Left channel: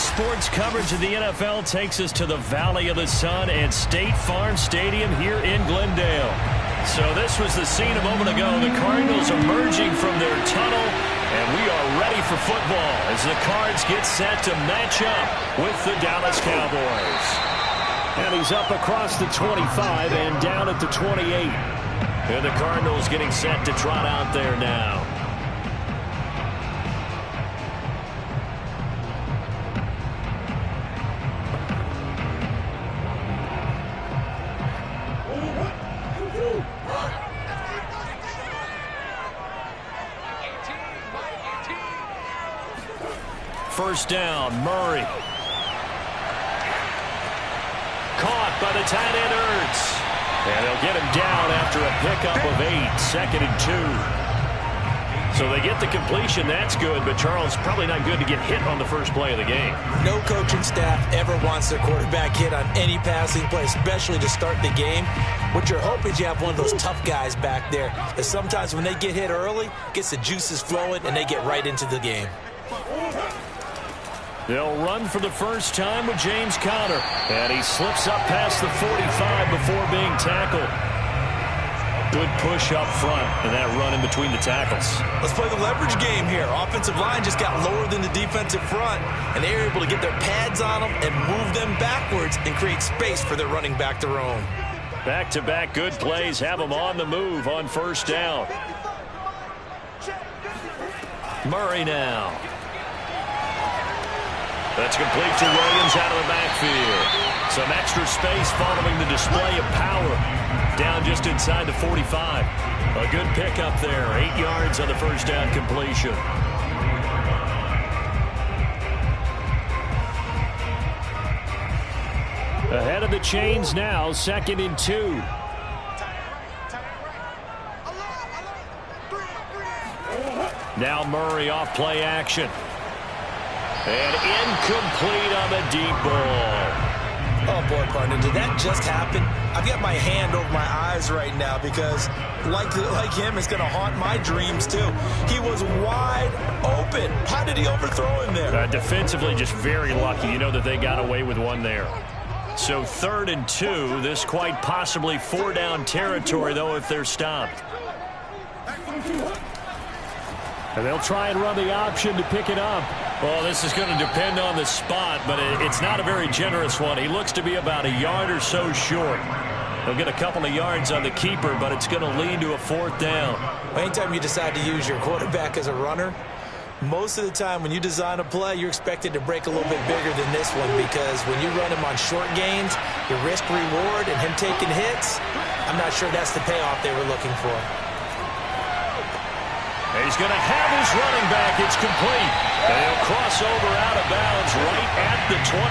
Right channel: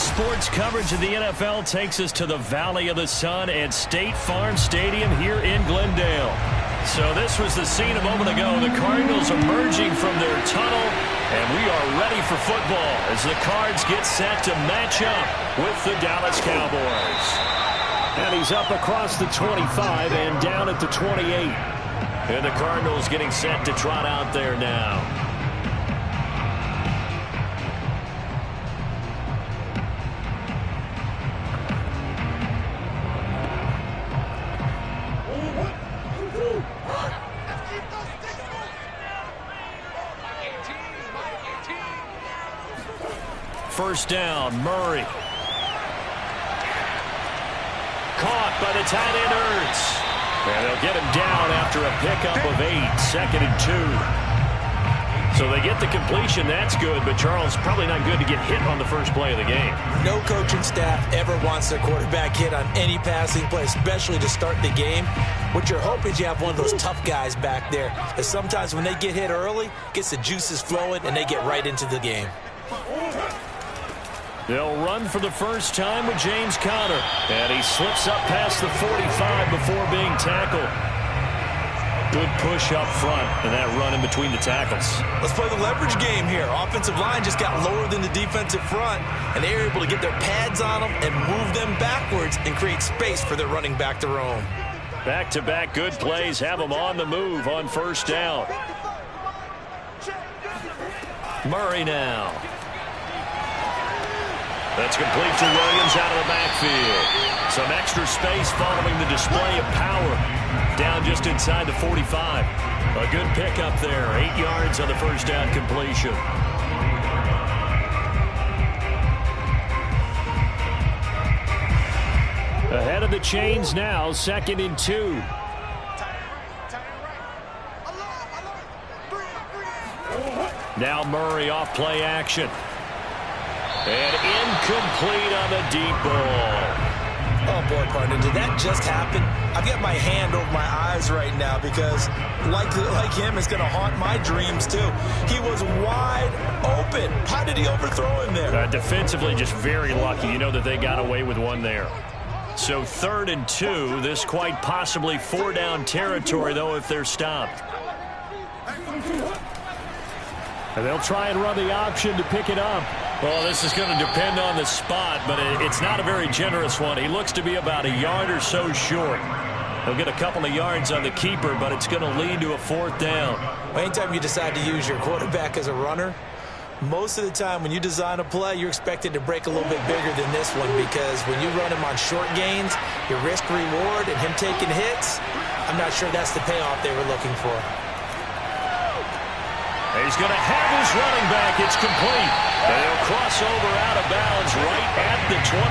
Today's sports coverage of the NFL takes us to the Valley of the Sun and State Farm Stadium here in Glendale. So this was the scene a moment ago. The Cardinals emerging from their tunnel, and we are ready for football as the Cards get set to match up with the Dallas Cowboys. And he's up across the 25 and down at the 28. And the Cardinals getting set to trot out there now. First down, Murray. Caught by the tight end, Ertz. And they'll get him down after a pickup of 8, 2nd and 2. So they get the completion. That's good, but Charles, probably not good to get hit on the first play of the game. No coaching staff ever wants their quarterback hit on any passing play, especially to start the game. What you're hoping is you have one of those tough guys back there, that sometimes when they get hit early, gets the juices flowing, and they get right into the game. They'll run for the first time with James Conner. And he slips up past the 45 before being tackled. Good push up front and that run in between the tackles. Let's play the leverage game here. Offensive line just got lower than the defensive front, and they were able to get their pads on them and move them backwards and create space for their running back to roam. Back-to-back good plays have them on the move on first down. Murray now. That's complete to Williams out of the backfield. Some extra space following the display of power. Down just inside the 45. A good pickup there. 8 yards on the first down completion. Ahead of the chains now, 2nd and 2. Now Murray off play action. And incomplete on the deep ball. Oh, boy, partner, did that just happen? I've got my hand over my eyes right now because, like him, it's going to haunt my dreams, too. He was wide open. How did he overthrow him there? Defensively, just very lucky. You know that they got away with one there. So 3rd and 2. This quite possibly 4-down territory, though, if they're stopped. And they'll try and run the option to pick it up. Well, this is going to depend on the spot, but it's not a very generous one. He looks to be about a yard or so short. He'll get a couple of yards on the keeper, but it's going to lead to a 4th down. Well, anytime you decide to use your quarterback as a runner, most of the time when you design a play, you're expected to break a little bit bigger than this one, because when you run him on short gains, your risk-reward and him taking hits, I'm not sure that's the payoff they were looking for. He's going to have his running back. It's complete. And he'll cross over out of bounds right at the 25.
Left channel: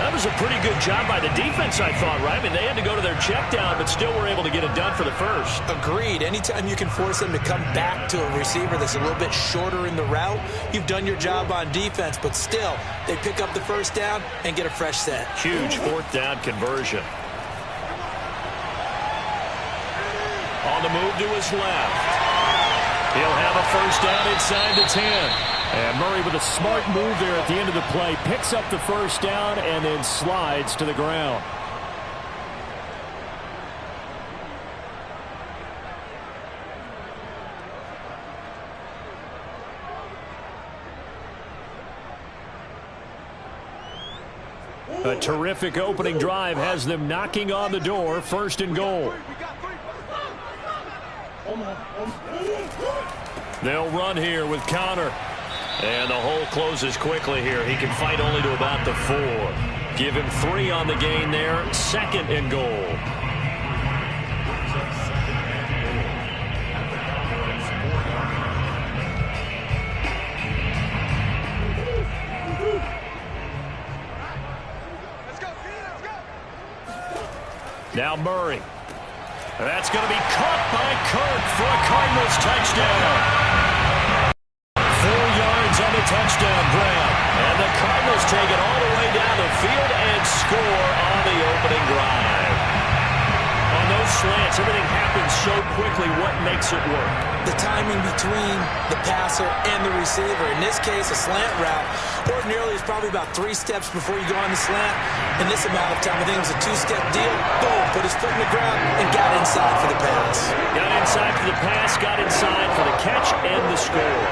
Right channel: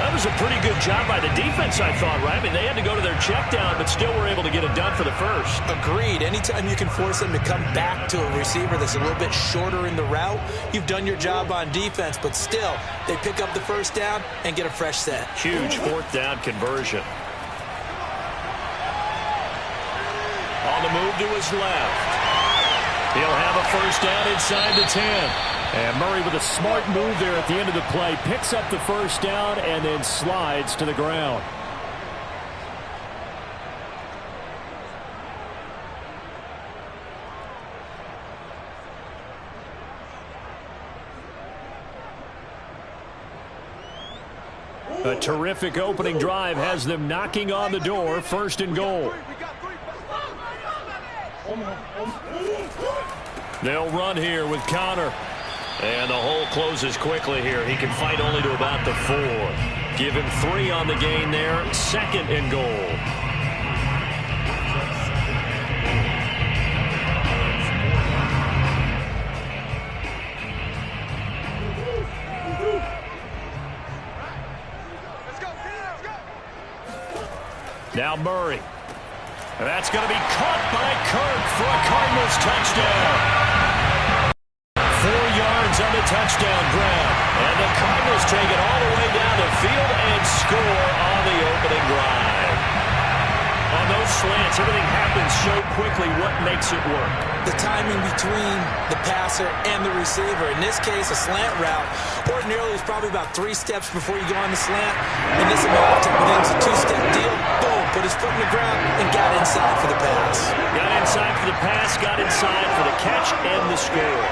That was a pretty good job by the defense, I thought, right? I mean, they had to go to their check down, but still were able to get it done for the first. Agreed. Anytime you can force them to come back to a receiver that's a little bit shorter in the route, you've done your job on defense, but still, they pick up the first down and get a fresh set. Huge 4th down conversion. On the move to his left. He'll have a first down inside the 10. And Murray with a smart move there at the end of the play. Picks up the first down and then slides to the ground. A terrific opening drive has them knocking on the door. 1st and goal. They'll run here with Conner. And the hole closes quickly here. He can fight only to about the 4. Give him 3 on the gain there. 2nd and goal. Now Murray. That's going to be caught by Kirk for a Cardinals touchdown. 4 yards on the touchdown grab. And the Cardinals take it all the way down the field and score on the opening drive. on those slants, everything happens so quickly. What makes it work? The timing between the passer and the receiver. In this case, a slant route ordinarily is probably about 3 steps before you go on the slant. In this amount of time, I think it's a 2-step deal. Boom, put his foot in the ground and got inside for the pass. Got inside for the pass, got inside for the catch and the score.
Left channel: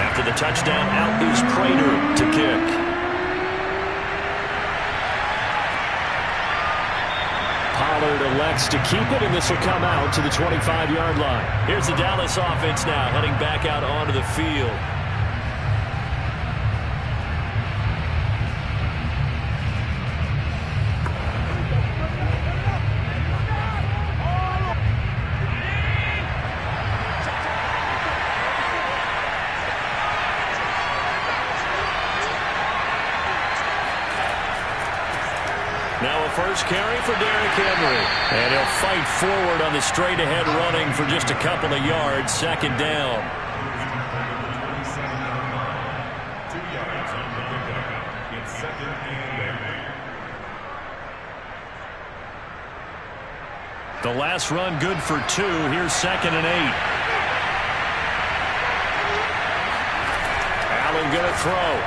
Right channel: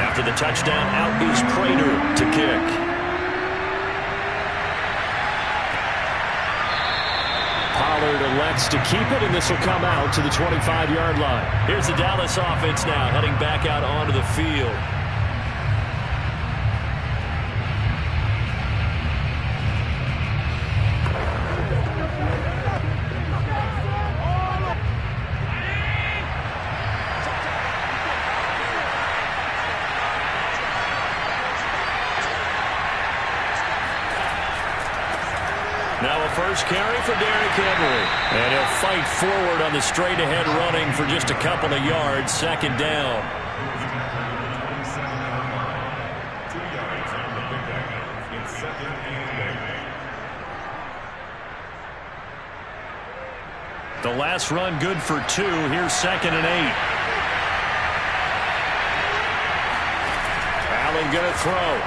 After the touchdown, out is Prater to kick. Pollard elects to keep it, and this will come out to the 25-yard line. Here's the Dallas offense now, heading back out onto the field. Now a first carry for Derrick Henry. And he'll fight forward on the straight-ahead running for just a couple of yards. Second down. 2 yards on the pickup. It's second and 8. The last run good for 2. Here's second and 8. Allen going to throw.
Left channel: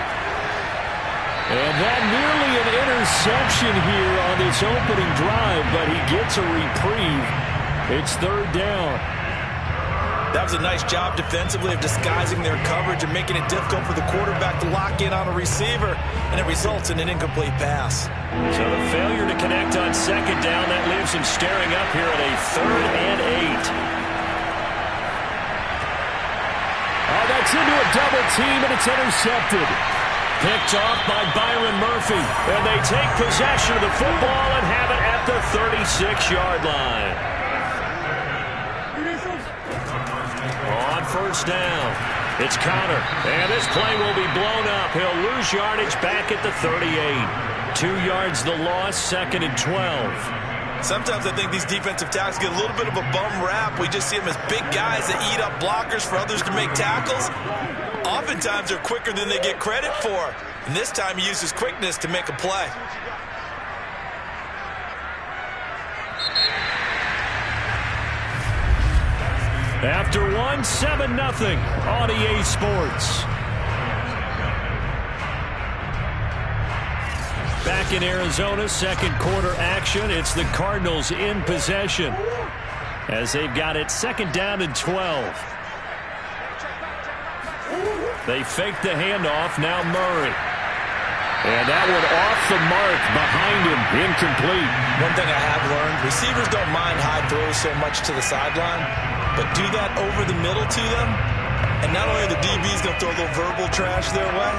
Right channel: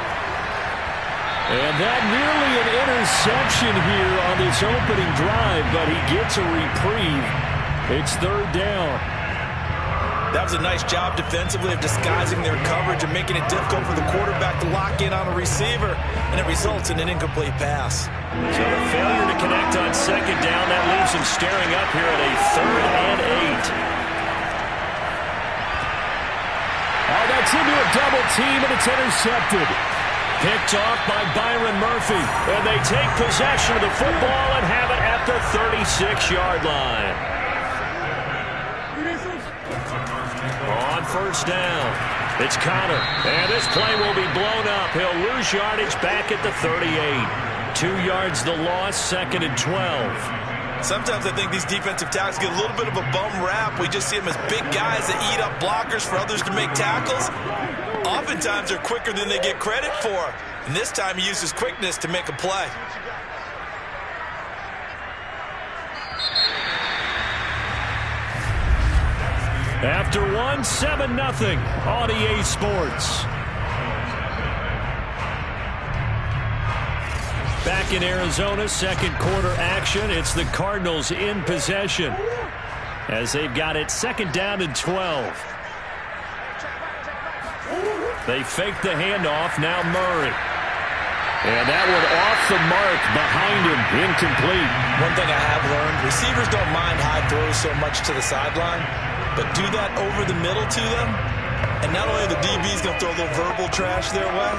And that nearly an interception here on this opening drive, but he gets a reprieve. It's third down. That was a nice job defensively of disguising their coverage and making it difficult for the quarterback to lock in on a receiver, and it results in an incomplete pass. So the failure to connect on second down, that leaves him staring up here at a third and 8. Oh, that's into a double team, and it's intercepted. Picked off by Byron Murphy. And they take possession of the football and have it at the 36-yard line. On first down, it's Connor. And this play will be blown up. He'll lose yardage back at the 38. 2 yards the loss, second and 12. Sometimes I think these defensive tackles get a little bit of a bum rap. We just see them as big guys that eat up blockers for others to make tackles. Oftentimes they're quicker than they get credit for. And this time he uses quickness to make a play. After one, 7-0 on EA Sports. Back in Arizona, second quarter action. It's the Cardinals in possession as they've got it second down and 12. They fake the handoff. Now Murray. And that one off the mark behind him. Incomplete. One thing I have learned, receivers don't mind high throws so much to the sideline, but do that over the middle to them, and not only are the DBs going to throw a little verbal trash their way,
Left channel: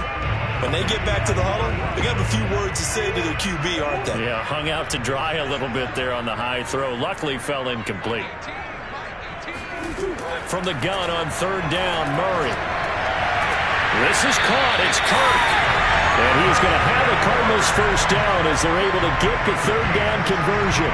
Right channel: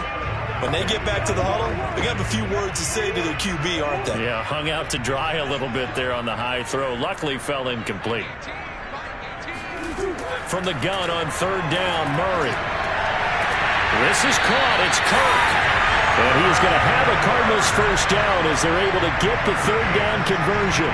when they get back to the huddle, they're going to have a few words to say to their QB, aren't they? Yeah, hung out to dry a little bit there on the high throw. Luckily fell incomplete. From the gun on third down, Murray. This is caught. It's Kirk. And he's going to have a Cardinals first down as they're able to get the third down conversion.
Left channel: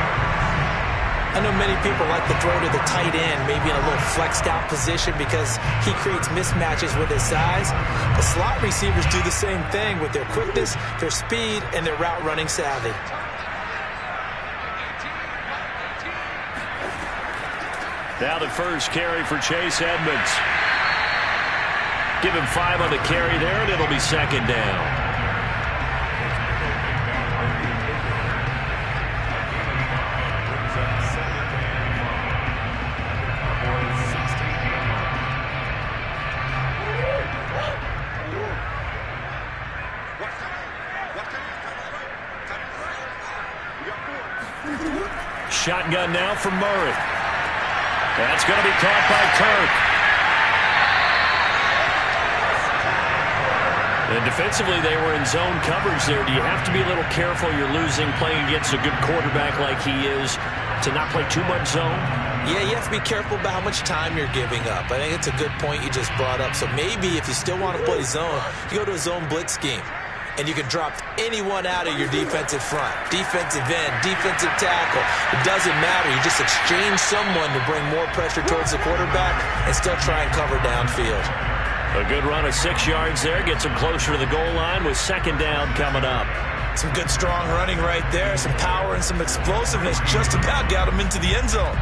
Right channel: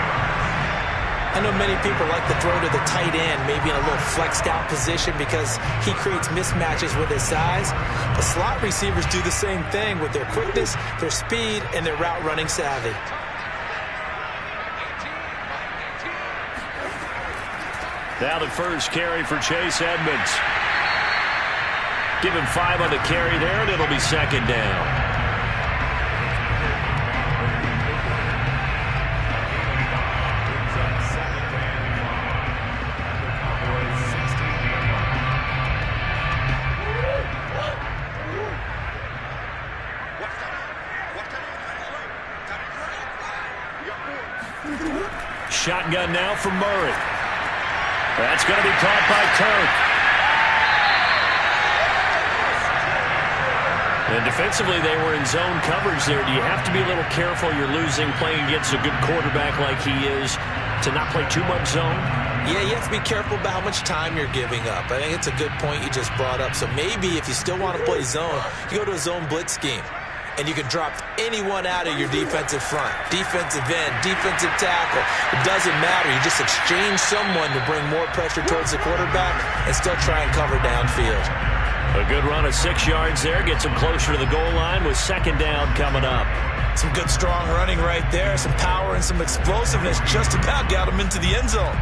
I know many people like to throw to the tight end, maybe in a little flexed out position because he creates mismatches with his size. But slot receivers do the same thing with their quickness, their speed, and their route running savvy. Now the first carry for Chase Edmonds. Give him 5 on the carry there, and it'll be second down. Shotgun now for Murray. That's going to be caught by Kirk. And defensively, they were in zone coverage there. Do you have to be a little careful? You're losing, playing against a good quarterback like he is, to not play too much zone? Yeah, you have to be careful about how much time you're giving up. I think it's a good point you just brought up. So maybe if you still want to play zone, you go to a zone blitz scheme. And you can drop anyone out of your defensive front. Defensive end, defensive tackle. It doesn't matter. You just exchange someone to bring more pressure towards the quarterback and still try and cover downfield. A good run of 6 yards there. Gets him closer to the goal line with second down coming up. Some good strong running right there. Some power and some explosiveness just about got him into the end zone.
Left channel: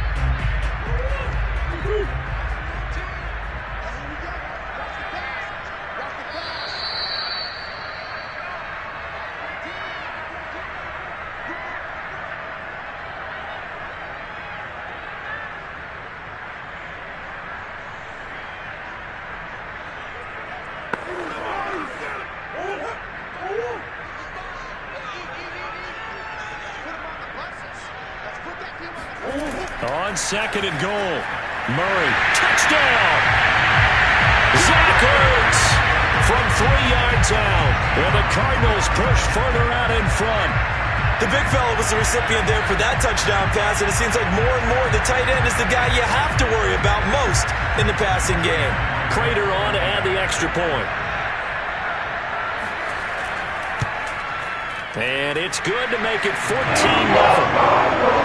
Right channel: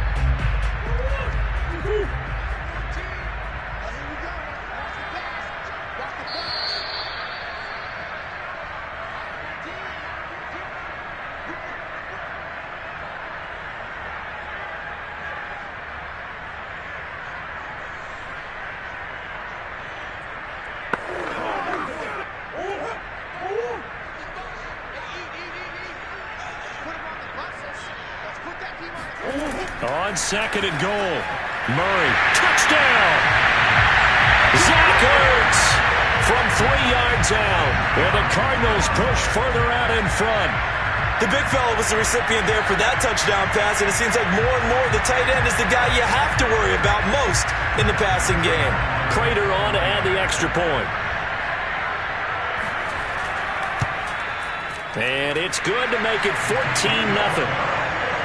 On second and goal, Murray, touchdown! Zach Ertz from 3 yards out, and the Cardinals push further out in front. The big fella was the recipient there for that touchdown pass, and it seems like more and more the tight end is the guy you have to worry about most in the passing game. Prater on to add the extra point. And it's good to make it 14-0.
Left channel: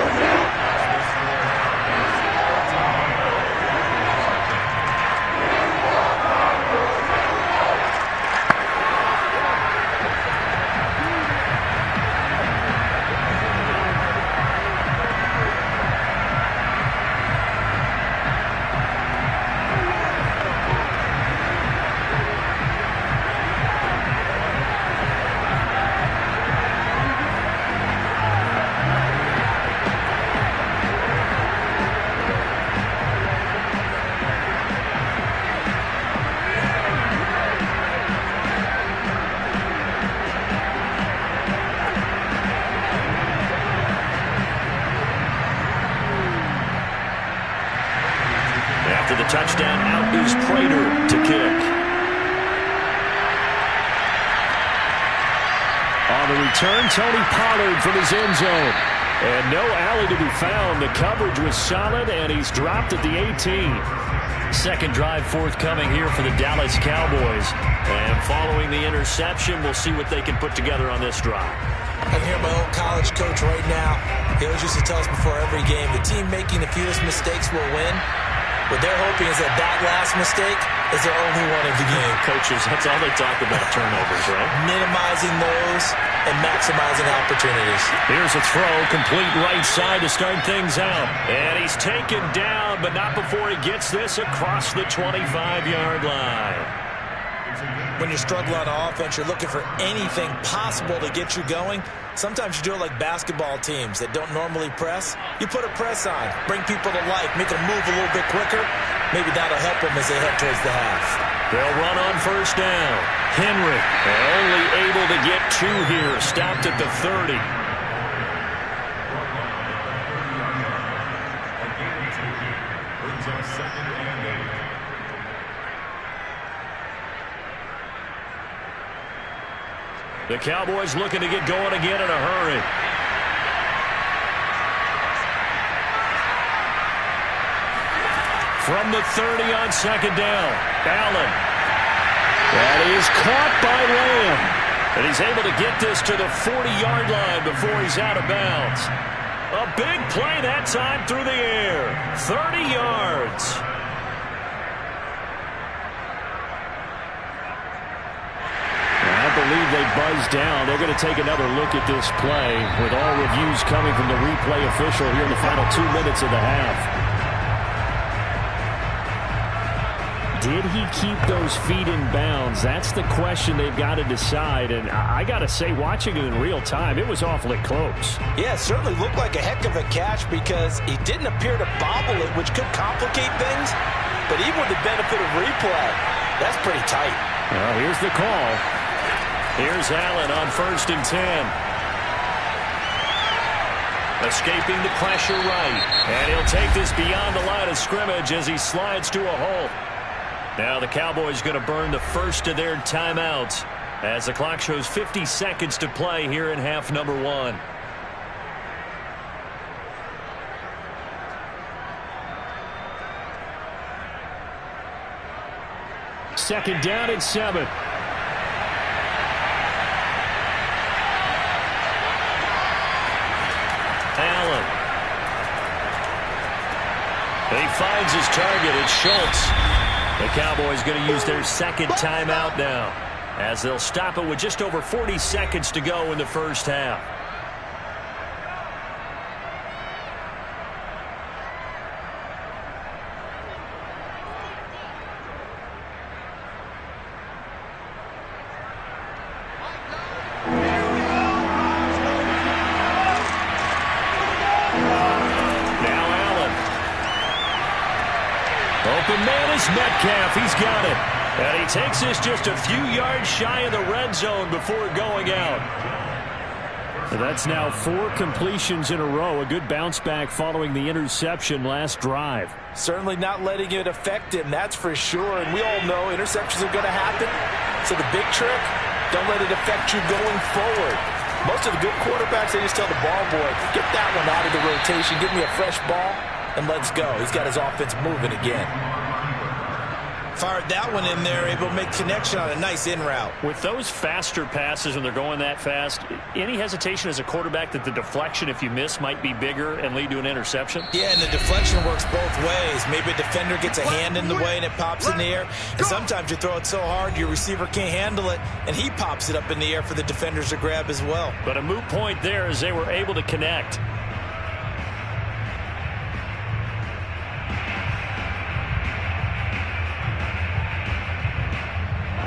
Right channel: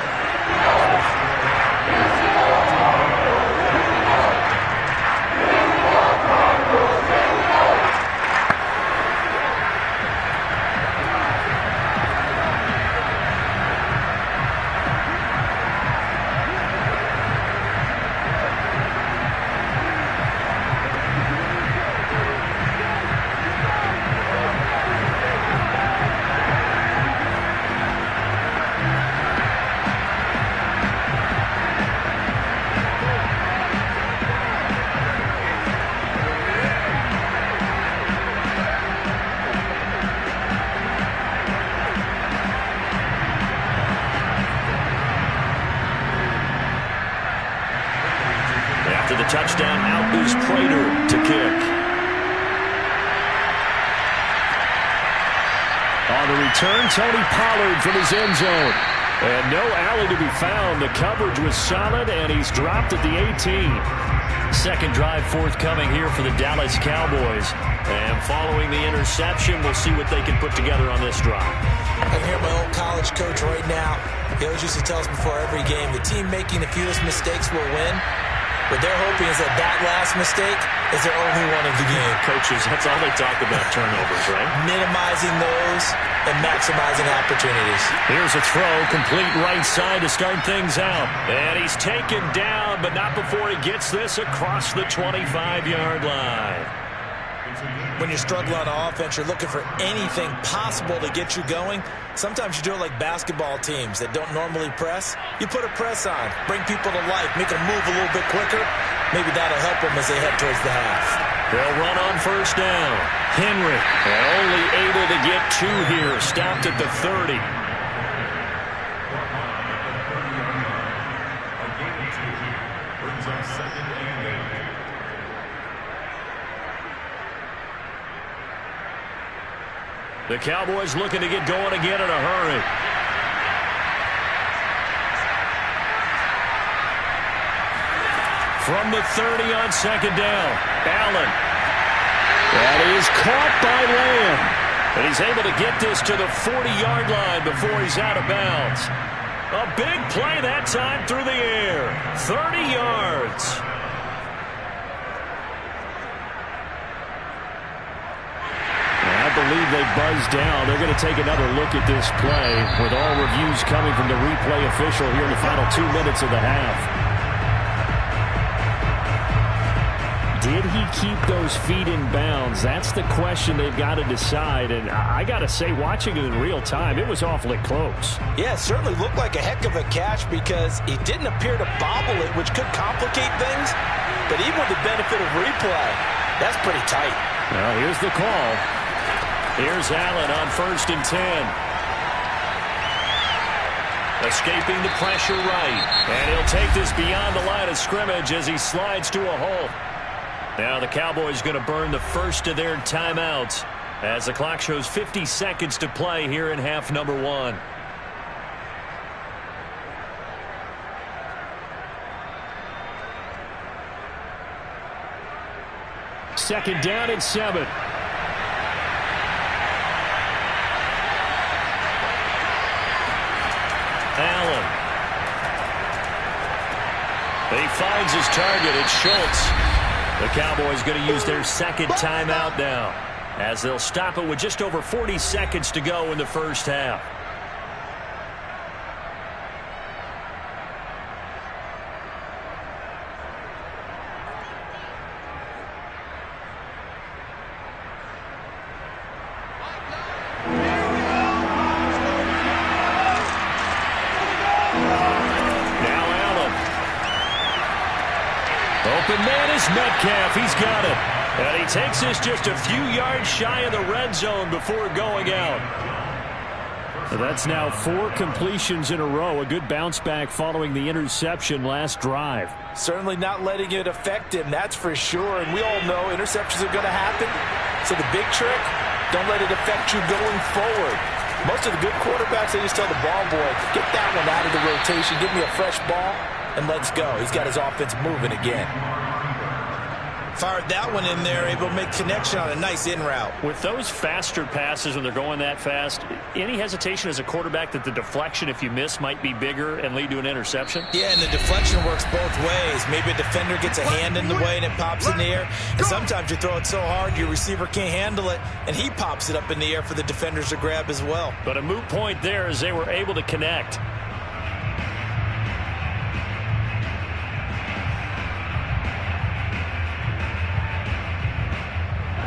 After the touchdown, out is Prater to kick. On the return, Tony Pollard from his end zone. And no alley to be found. The coverage was solid, and he's dropped at the 18. Second drive forthcoming here for the Dallas Cowboys. And following the interception, we'll see what they can put together on this drive. I can hear my old college coach right now. He always used to tell us before every game, the team making the fewest mistakes will win. What they're hoping is that last mistake is their only one of the game. Coaches, that's all they talk about, turnovers, right? Minimizing those and maximizing opportunities. Here's a throw, complete right side to start things out. And he's taken down, but not before he gets this across the 25-yard line. When you're struggling on offense, you're looking for anything possible to get you going. Sometimes you do it like basketball teams that don't normally press. You put a press on, bring people to life, make them move a little bit quicker. Maybe that'll help them as they head towards the half. They'll run on first down. Henry, only able to get 2 here. Stopped at the 30. Brings up second and 8. The Cowboys looking to get going again in a hurry. From the 30 on second down, Allen. That is caught by Lamb. And he's able to get this to the 40-yard line before he's out of bounds. A big play that time through the air. 30 yards. I believe they buzzed down. They're going to take another look at this play with all reviews coming from the replay official here in the final 2 minutes of the half. Did he keep those feet in bounds? That's the question they've got to decide. And I got to say, watching it in real time, it was awfully close. Yeah, it certainly looked like a heck of a catch because he didn't appear to bobble it, which could complicate things. But even with the benefit of replay, that's pretty tight. Well, here's the call. Here's Allen on 1st and 10. Escaping the pressure right. And he'll take this beyond the line of scrimmage as he slides to a halt. Now the Cowboys going to burn the first of their timeouts. as the clock shows 50 seconds to play here in half number 1. Second down and 7. Allen. He finds his target. It's Schultz. The Cowboys going to use their second timeout now, as they'll stop it with just over 40 seconds to go in the first half. Open man is Metcalf. He's got it. And he takes this just a few yards shy of the red zone before going out. So that's now 4 completions in a row. A good bounce back following the interception last drive. Certainly not letting it affect him, that's for sure. And we all know interceptions are going to happen. So the big trick, don't let it affect you going forward. Most of the good quarterbacks, they just tell the ball boy, get that one out of the rotation, give me a fresh ball, and let's go. He's got his offense moving again. Fired that one in there, able to make connection on a nice in route. With those faster passes when they're going that fast, any hesitation as a quarterback that the deflection, if you miss, might be bigger and lead to an interception? Yeah, and the deflection works both ways. Maybe a defender gets a hand in the way and it pops in the air. And sometimes you throw it so hard your receiver can't handle it, and he pops it up in the air for the defenders to grab as well. But a moot point there as they were able to connect.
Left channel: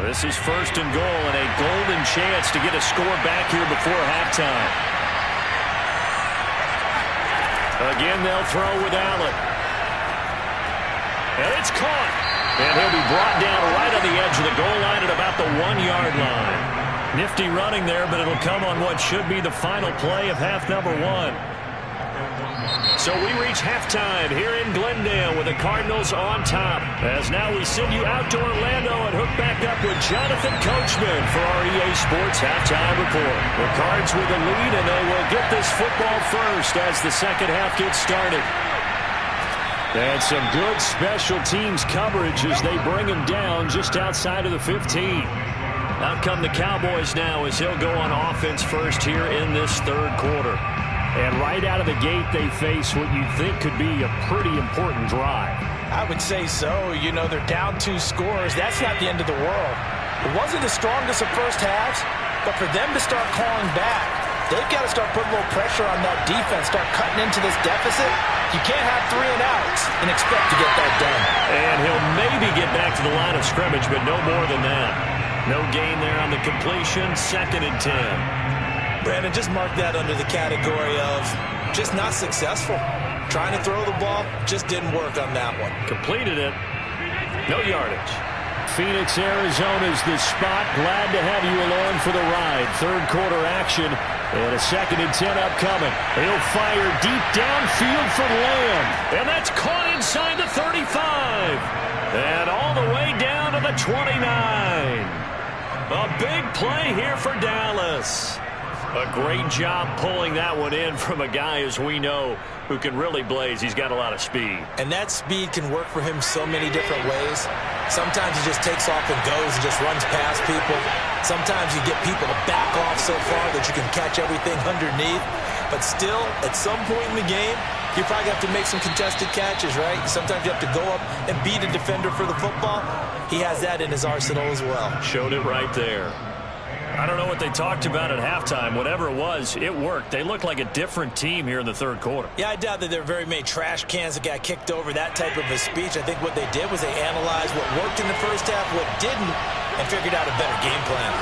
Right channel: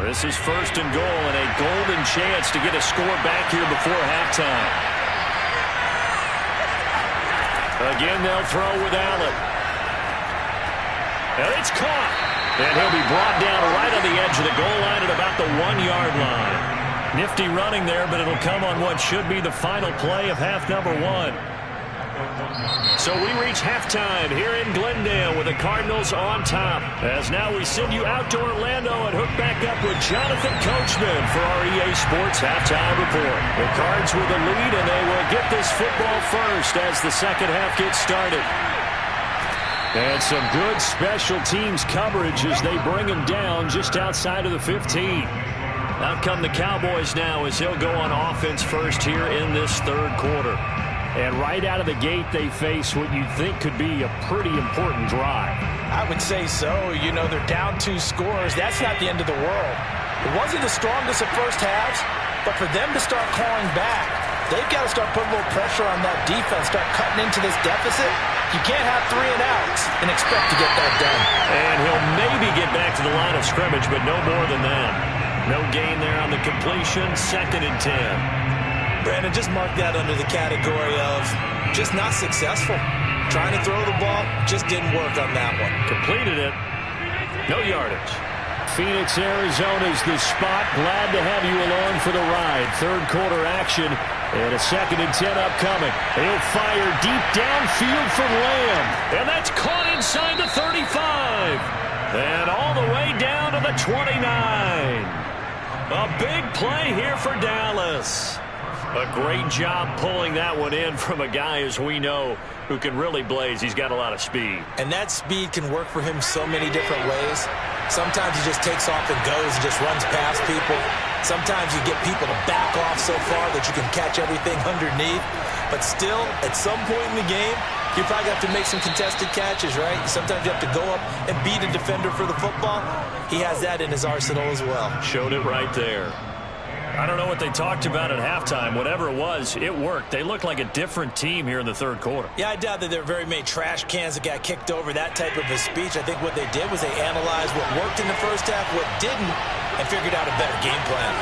This is first and goal and a golden chance to get a score back here before halftime. Again, they'll throw with Allen. And it's caught. And he'll be brought down right on the edge of the goal line at about the 1-yard line. Nifty running there, but it'll come on what should be the final play of half number 1. So we reach halftime here in Glendale with the Cardinals on top. As now we send you out to Orlando and hook back up with Jonathan Coachman for our EA Sports Halftime Report. The Cards with the lead, and they will get this football first as the second half gets started. And some good special teams coverage as they bring him down just outside of the 15. Out come the Cowboys now as he'll go on offense first here in this third quarter. And right out of the gate, they face what you'd think could be a pretty important drive. I would say so. You know, they're down 2 scores. That's not the end of the world. It wasn't the strongest of first halves, but for them to start clawing back, they've got to start putting a little pressure on that defense, start cutting into this deficit. You can't have 3 and outs and expect to get that done. And he'll maybe get back to the line of scrimmage, but no more than that. No gain there on the completion, 2nd and 10. Brandon, just mark that under the category of just not successful. Trying to throw the ball, just didn't work on that one. Completed it. No yardage. Phoenix, Arizona's the spot. Glad to have you along for the ride. Third quarter action and a 2nd and 10 upcoming. He'll fire deep downfield for Lamb. And that's caught inside the 35. And all the way down to the 29. A big play here for Dallas. A great job pulling that one in from a guy, as we know, who can really blaze. He's got a lot of speed. And that speed can work for him so many different ways. Sometimes he just takes off and goes and just runs past people. Sometimes you get people to back off so far that you can catch everything underneath. But still, at some point in the game, you probably have to make some contested catches, right? Sometimes you have to go up and beat a defender for the football. He has that in his arsenal as well. Showed it right there. I don't know what they talked about at halftime. Whatever it was, it worked. They looked like a different team here in the third quarter. Yeah, I doubt that there were very many trash cans that got kicked over, that type of a speech. I think what they did was they analyzed what worked in the first half, what didn't, and figured out a better game plan.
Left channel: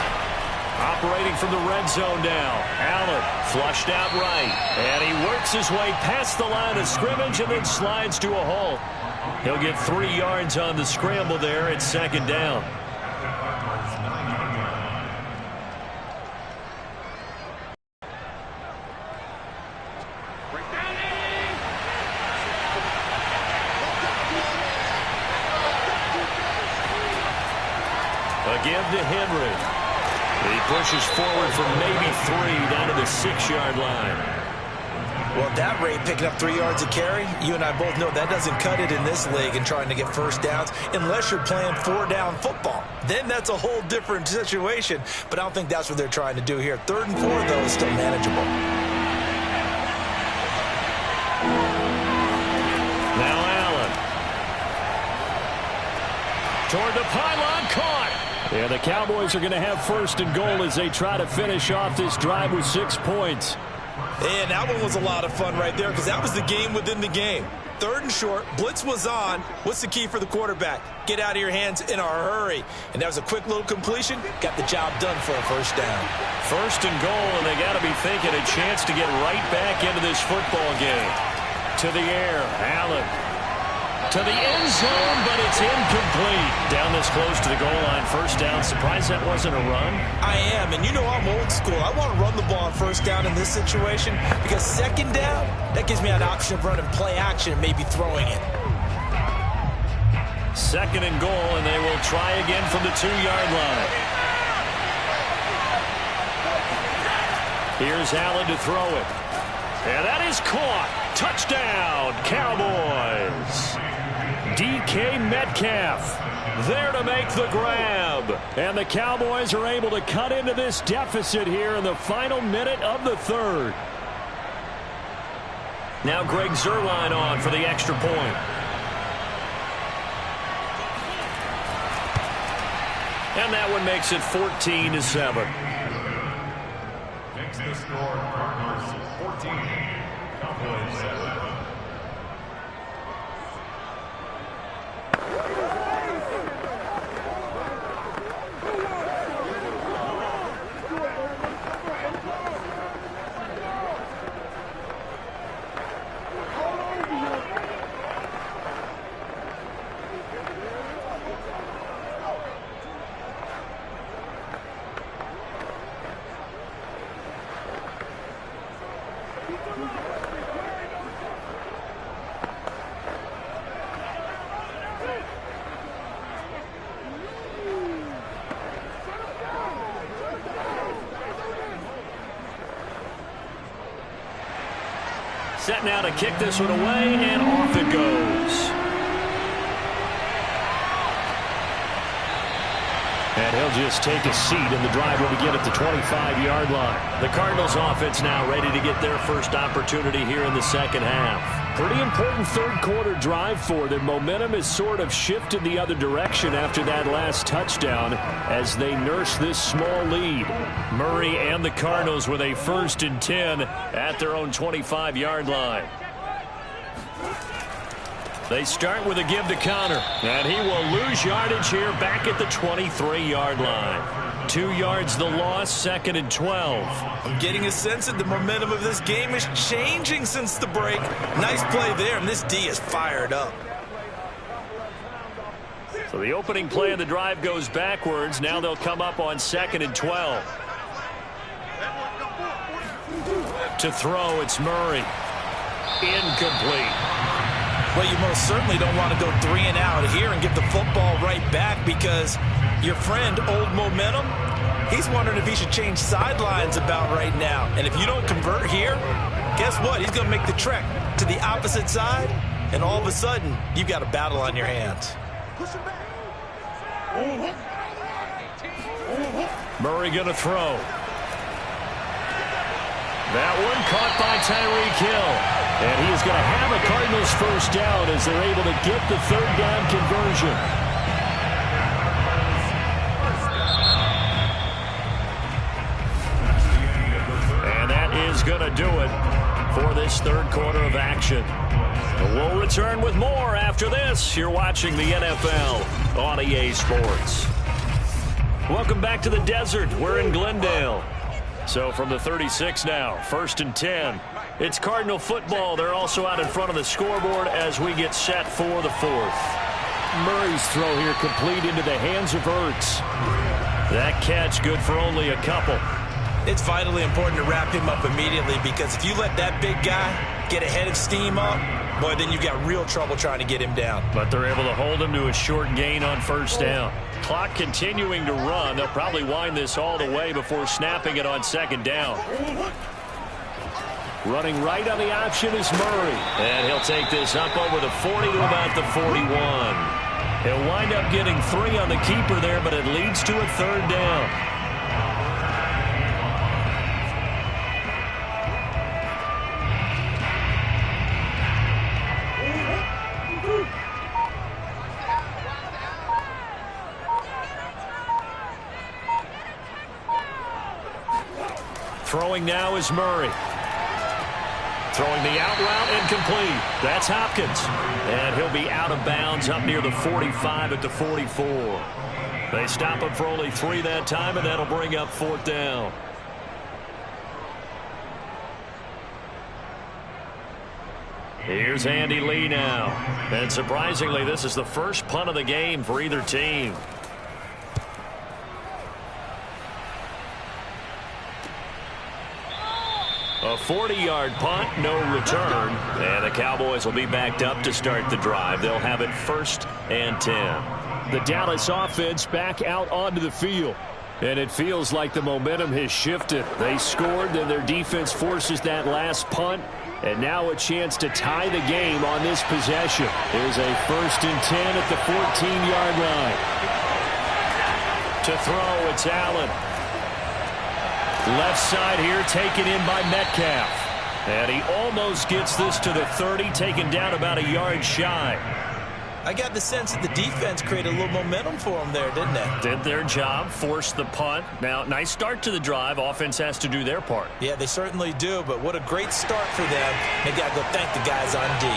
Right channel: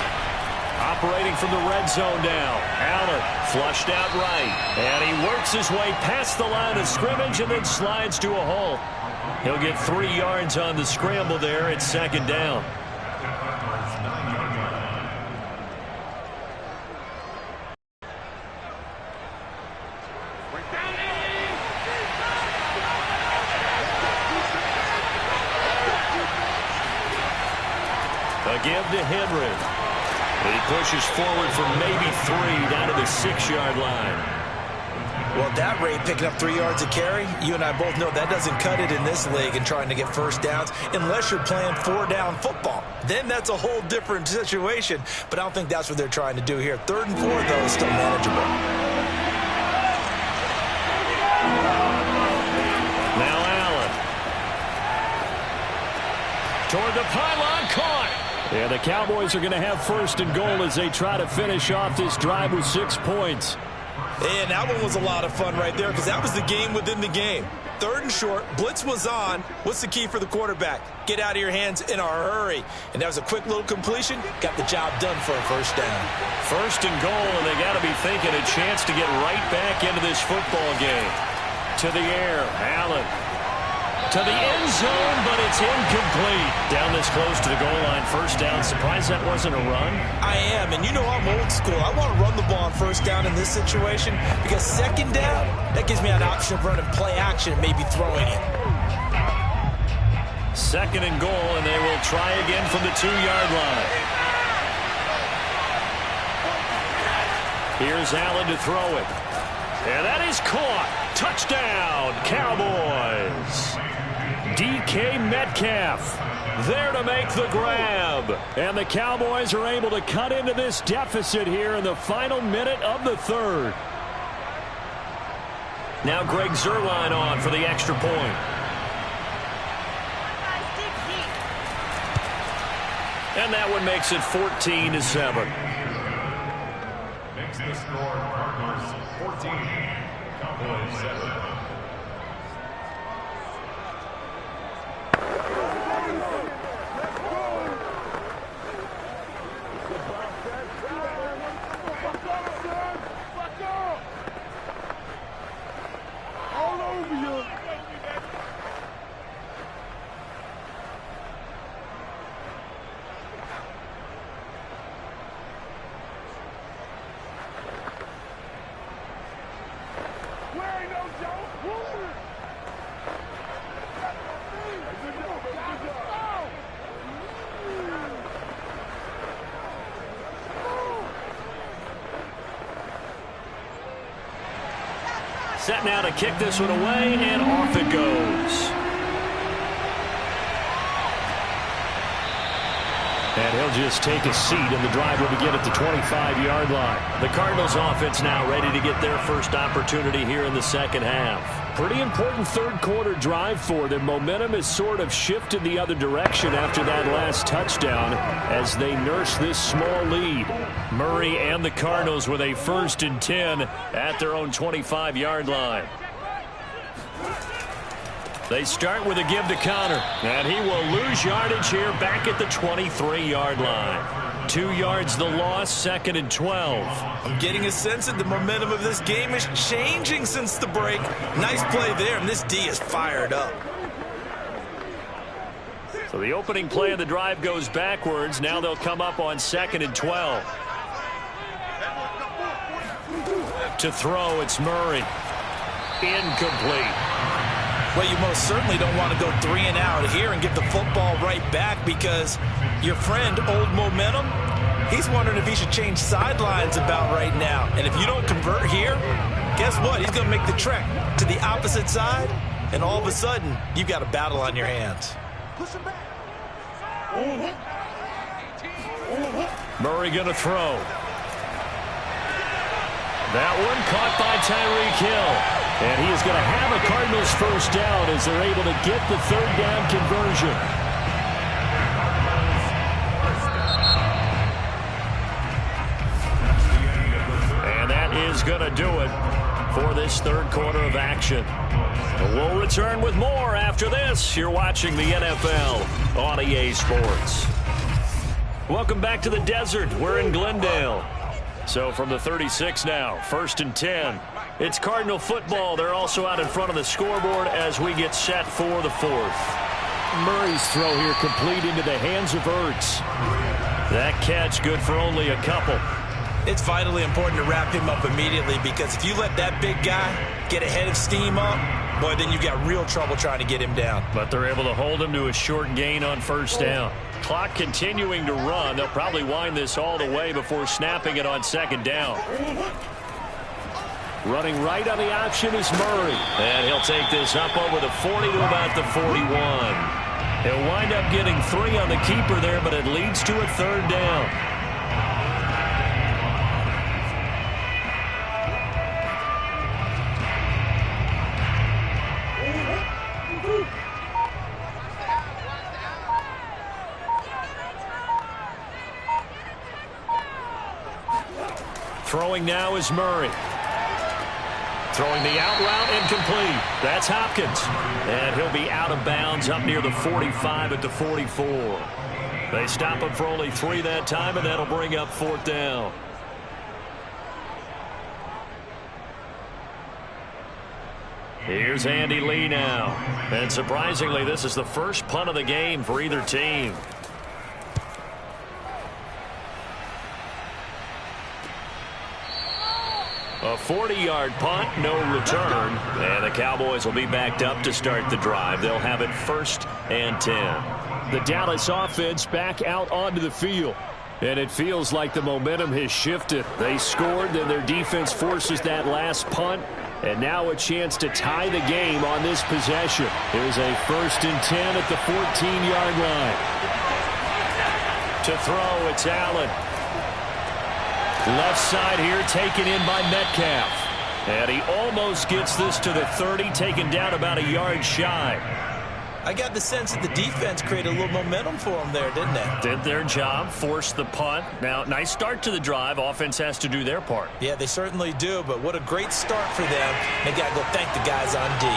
Operating from the red zone now. Allen flushed out right. And he works his way past the line of scrimmage and then slides to a hole. He'll get 3 yards on the scramble there. It's 2nd down. A give to Henry. He pushes forward for maybe 3 down to the 6-yard line. Well, at that rate, picking up 3 yards a carry, you and I both know that doesn't cut it in this league and trying to get first downs unless you're playing 4-down football. Then that's a whole different situation, but I don't think that's what they're trying to do here. 3rd and 4, though, is still manageable. Now Allen. Toward the pylon, caught. Yeah, the Cowboys are going to have 1st and goal as they try to finish off this drive with 6 points. And that one was a lot of fun right there because that was the game within the game. 3rd and short, blitz was on. What's the key for the quarterback? Get out of your hands in a hurry. And that was a quick little completion. Got the job done for a first down. 1st and goal, and they got to be thinking a chance to get right back into this football game. To the air, Allen. To the end zone, but it's incomplete. Down this close to the goal line, first down. Surprised that wasn't a run? I am, and you know I'm old school. I want to run the ball on first down in this situation because 2nd down, that gives me an option of running play action and maybe throwing it. 2nd and goal, and they will try again from the 2-yard line. Here's Allen to throw it. And that is caught. Touchdown, Cowboys. DK Metcalf there to make the grab. And the Cowboys are able to cut into this deficit here in the final minute of the 3rd. Now Greg Zuerlein on for the extra point. And that one makes it 14-7. Makes the score Cardinals 14, Cowboys 7. Set now to kick this one away, and off it goes. And he'll just take a seat, and the drive will begin at the 25-yard line. The Cardinals offense now ready to get their first opportunity here in the 2nd half. Pretty important 3rd quarter drive for them. Momentum has sort of shifted the other direction after that last touchdown as they nurse this small lead. Murray and the Cardinals with a 1st and 10 at their own 25-yard line. They start with a give to Connor, and he will lose yardage here back at the 23-yard line. 2 yards the loss, 2nd and 12. I'm getting a sense that the momentum of this game is changing since the break. Nice play there, and this D is fired up. So the opening play of the drive goes backwards. Now they'll come up on 2nd and 12. To throw, it's Murray. Incomplete. Well, you most certainly don't want to go 3 and out here and give the football right back because your friend, Old Momentum, he's wondering if he should change sidelines about right now. And if you don't convert here, guess what? He's going to make the trek to the opposite side, and all of a sudden, you've got a battle on your hands. Murray going to throw. That one caught by Tyreek Hill. And he is going to have a Cardinals first down as they're able to get the 3rd down conversion. And that is going to do it for this 3rd quarter of action. We'll return with more after this. You're watching the NFL on EA Sports. Welcome back to the desert. We're in Glendale. So from the 36 now, 1st and 10. It's Cardinal football. They're also out in front of the scoreboard as we get set for the 4th. Murray's throw here complete into the hands of Ertz. That catch good for only a couple. It's vitally important to wrap him up immediately because if you let that big guy get a head of steam up, boy, then you got real trouble trying to get him down. But they're able to hold him to a short gain on first down. Clock continuing to run. They'll probably wind this all the way before snapping it on second down. Running right on the option is Murray. And he'll take this up over the 40 to about the 41. He'll wind up getting 3 on the keeper there, but it leads to a third down. Throwing now is Murray. Throwing the out route incomplete. That's Hopkins. And he'll be out of bounds up near the 45 at the 44. They stop him for only 3 that time, and that'll bring up 4th down. Here's Andy Lee now. And surprisingly, this is the first punt of the game for either team. A 40-yard punt, no return. And the Cowboys will be backed up to start the drive. They'll have it 1st and 10. The Dallas offense back out onto the field. And it feels like the momentum has shifted. They scored, then their defense forces that last punt. And now a chance to tie the game on this possession. Here's a 1st and 10 at the 14-yard line. To throw, it's Allen. Left side here taken in by Metcalf. And he almost gets this to the 30, taken down about a yard shy. I got the sense that the defense created a little momentum for them there, didn't they? Did their job, forced the punt. Now, nice start to the drive. Offense has to do their part. Yeah, they certainly do, but what a great start for them. They got to go thank the guys on D.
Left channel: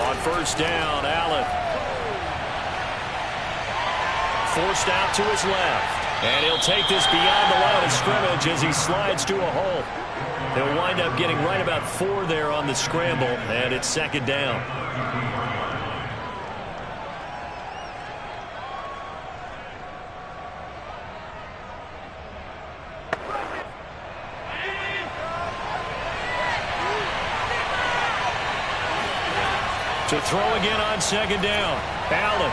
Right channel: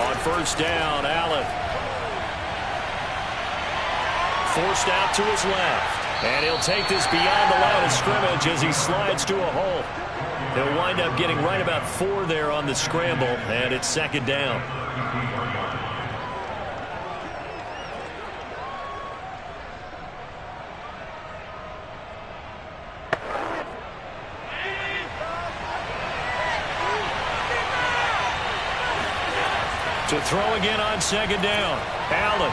On 1st down, Allen. Forced out to his left. And he'll take this beyond the line of scrimmage as he slides to a hole. He'll wind up getting right about 4 there on the scramble, and it's 2nd down. To throw again on 2nd down, Allen.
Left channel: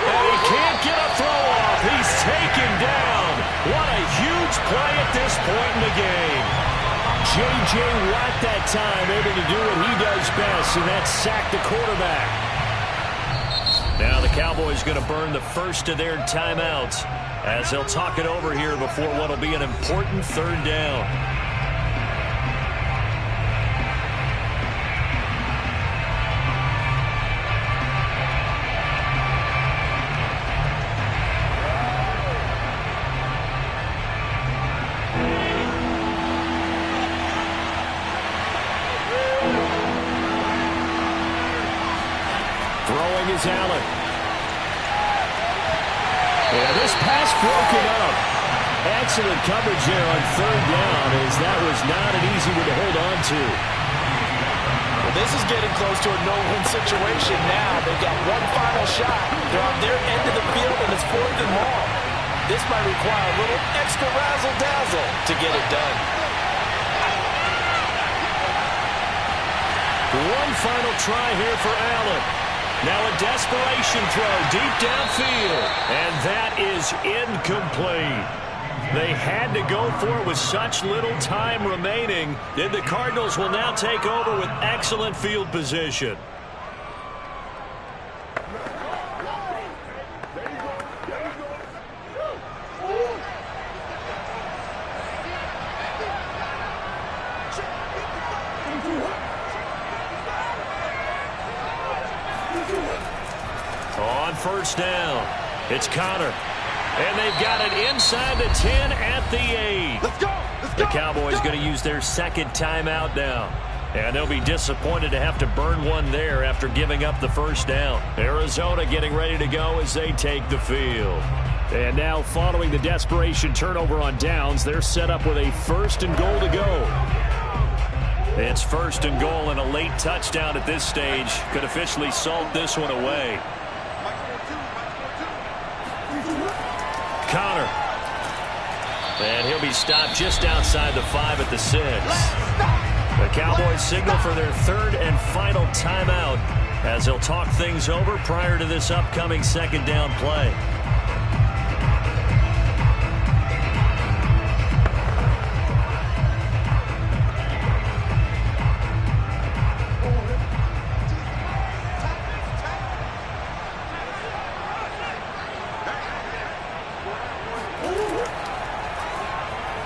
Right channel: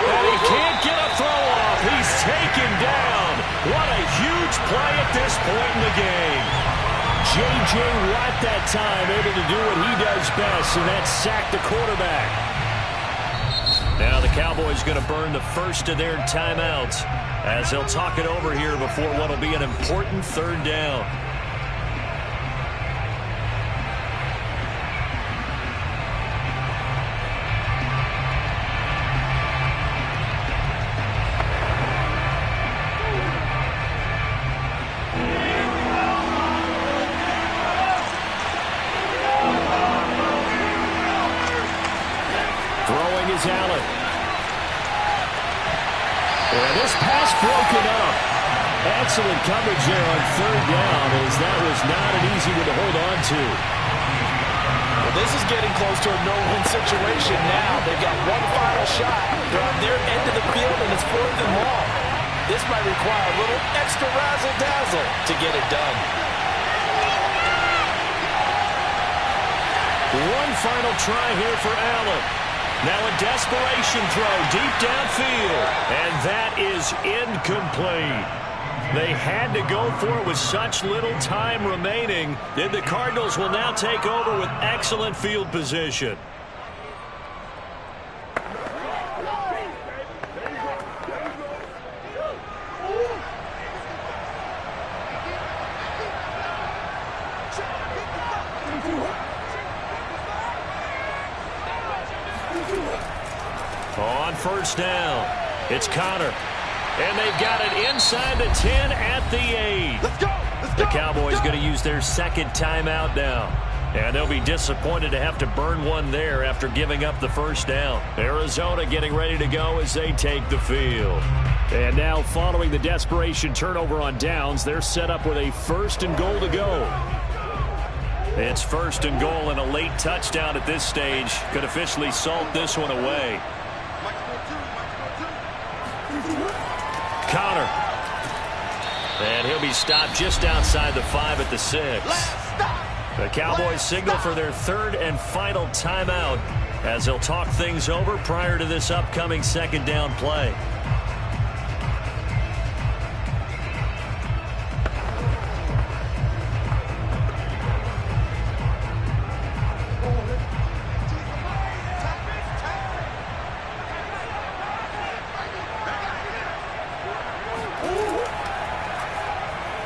And he can't get a throw off. He's taken down. What a huge play at this point in the game. J.J. Watt that time able to do what he does best, and that's sack the quarterback. Now the Cowboys going to burn the first of their timeouts as they'll talk it over here before what will be an important 3rd down. Throwing is Allen. And this pass broken up. Excellent coverage there on 3rd down, as that was not an easy one to hold on to. Well, this is getting close to a no-win situation now. They've got one final shot. They're on their end of the field, and it's 4th and long. This might require a little extra razzle-dazzle to get it done. One final try here for Allen. Now a desperation throw deep downfield. And that is incomplete. They had to go for it with such little time remaining. Then the Cardinals will now take over with excellent field position. On 1st down, it's Connor. And they've got it inside the 10 at the 8. Let's go! The Cowboys going to use their 2nd timeout now. And they'll be disappointed to have to burn one there after giving up the 1st down. Arizona getting ready to go as they take the field. And now following the desperation turnover on downs, they're set up with a 1st and goal to go. It's 1st and goal, and a late touchdown at this stage could officially salt this one away. Connor. And he'll be stopped just outside the 5 at the 6. The Cowboys signal for their third and final timeout as they'll talk things over prior to this upcoming second down play.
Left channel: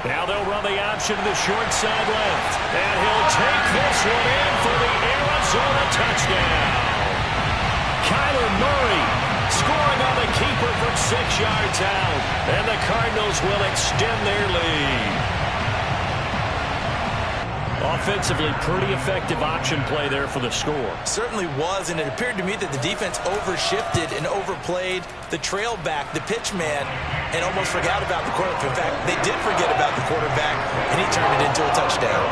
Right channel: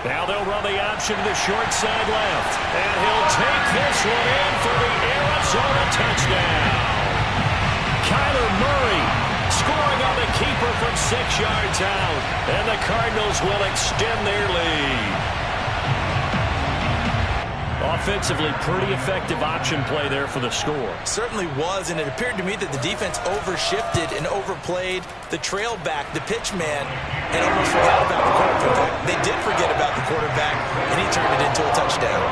Now they'll run the option to the short side left. And he'll take this one in for the Arizona touchdown. Kyler Murray scoring on the keeper from 6 yards out. And the Cardinals will extend their lead. Offensively, pretty effective option play there for the score. Certainly was, and it appeared to me that the defense overshifted and overplayed the trail back, the pitch man, and almost forgot about the quarterback. In fact, they did forget about the quarterback, and he turned it into a touchdown.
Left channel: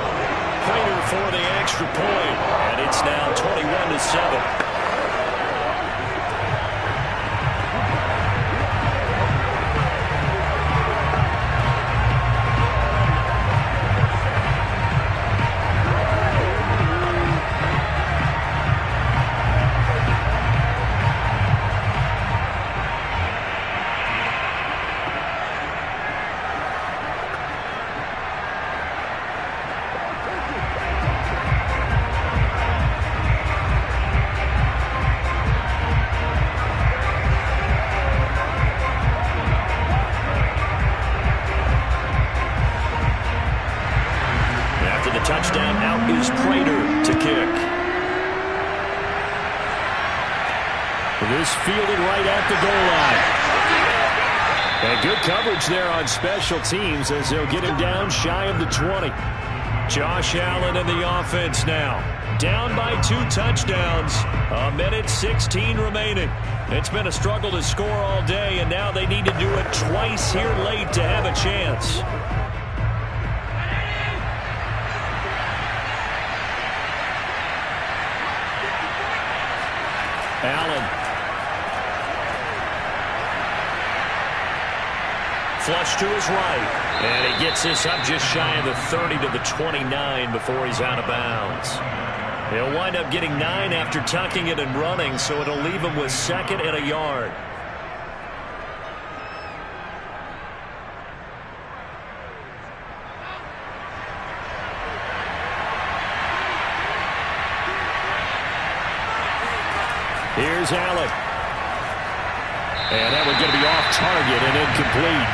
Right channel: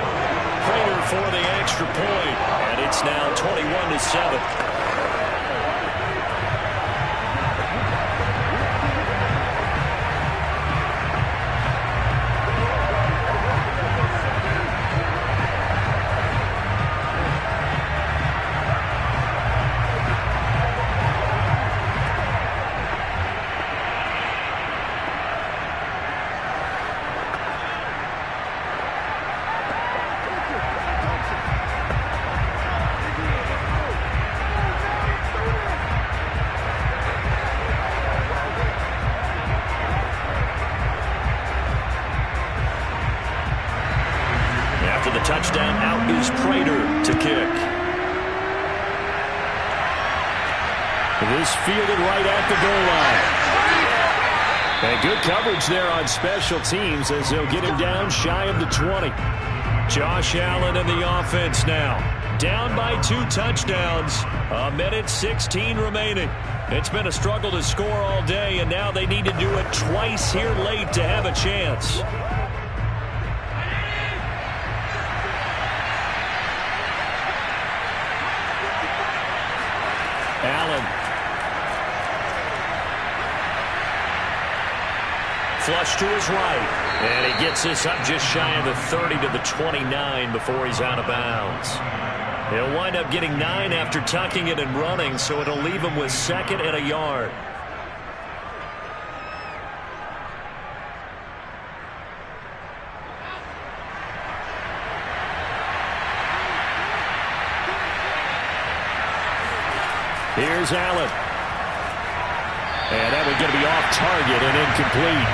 Prater for the extra point, and it's now 21-7. After the touchdown, out is Prater to kick. This fielded right at the goal line. And good coverage there on special teams as they'll get him down shy of the 20. Josh Allen and the offense now. Down by 2 touchdowns. 1:16 remaining. It's been a struggle to score all day, and now they need to do it twice here late to have a chance. Allen. Flush to his right. And he gets this up just shy of the 30 to the 29 before he's out of bounds. He'll wind up getting 9 after tucking it and running, so it'll leave him with 2nd and a yard. Here's Allen. And that one going to be off target and incomplete.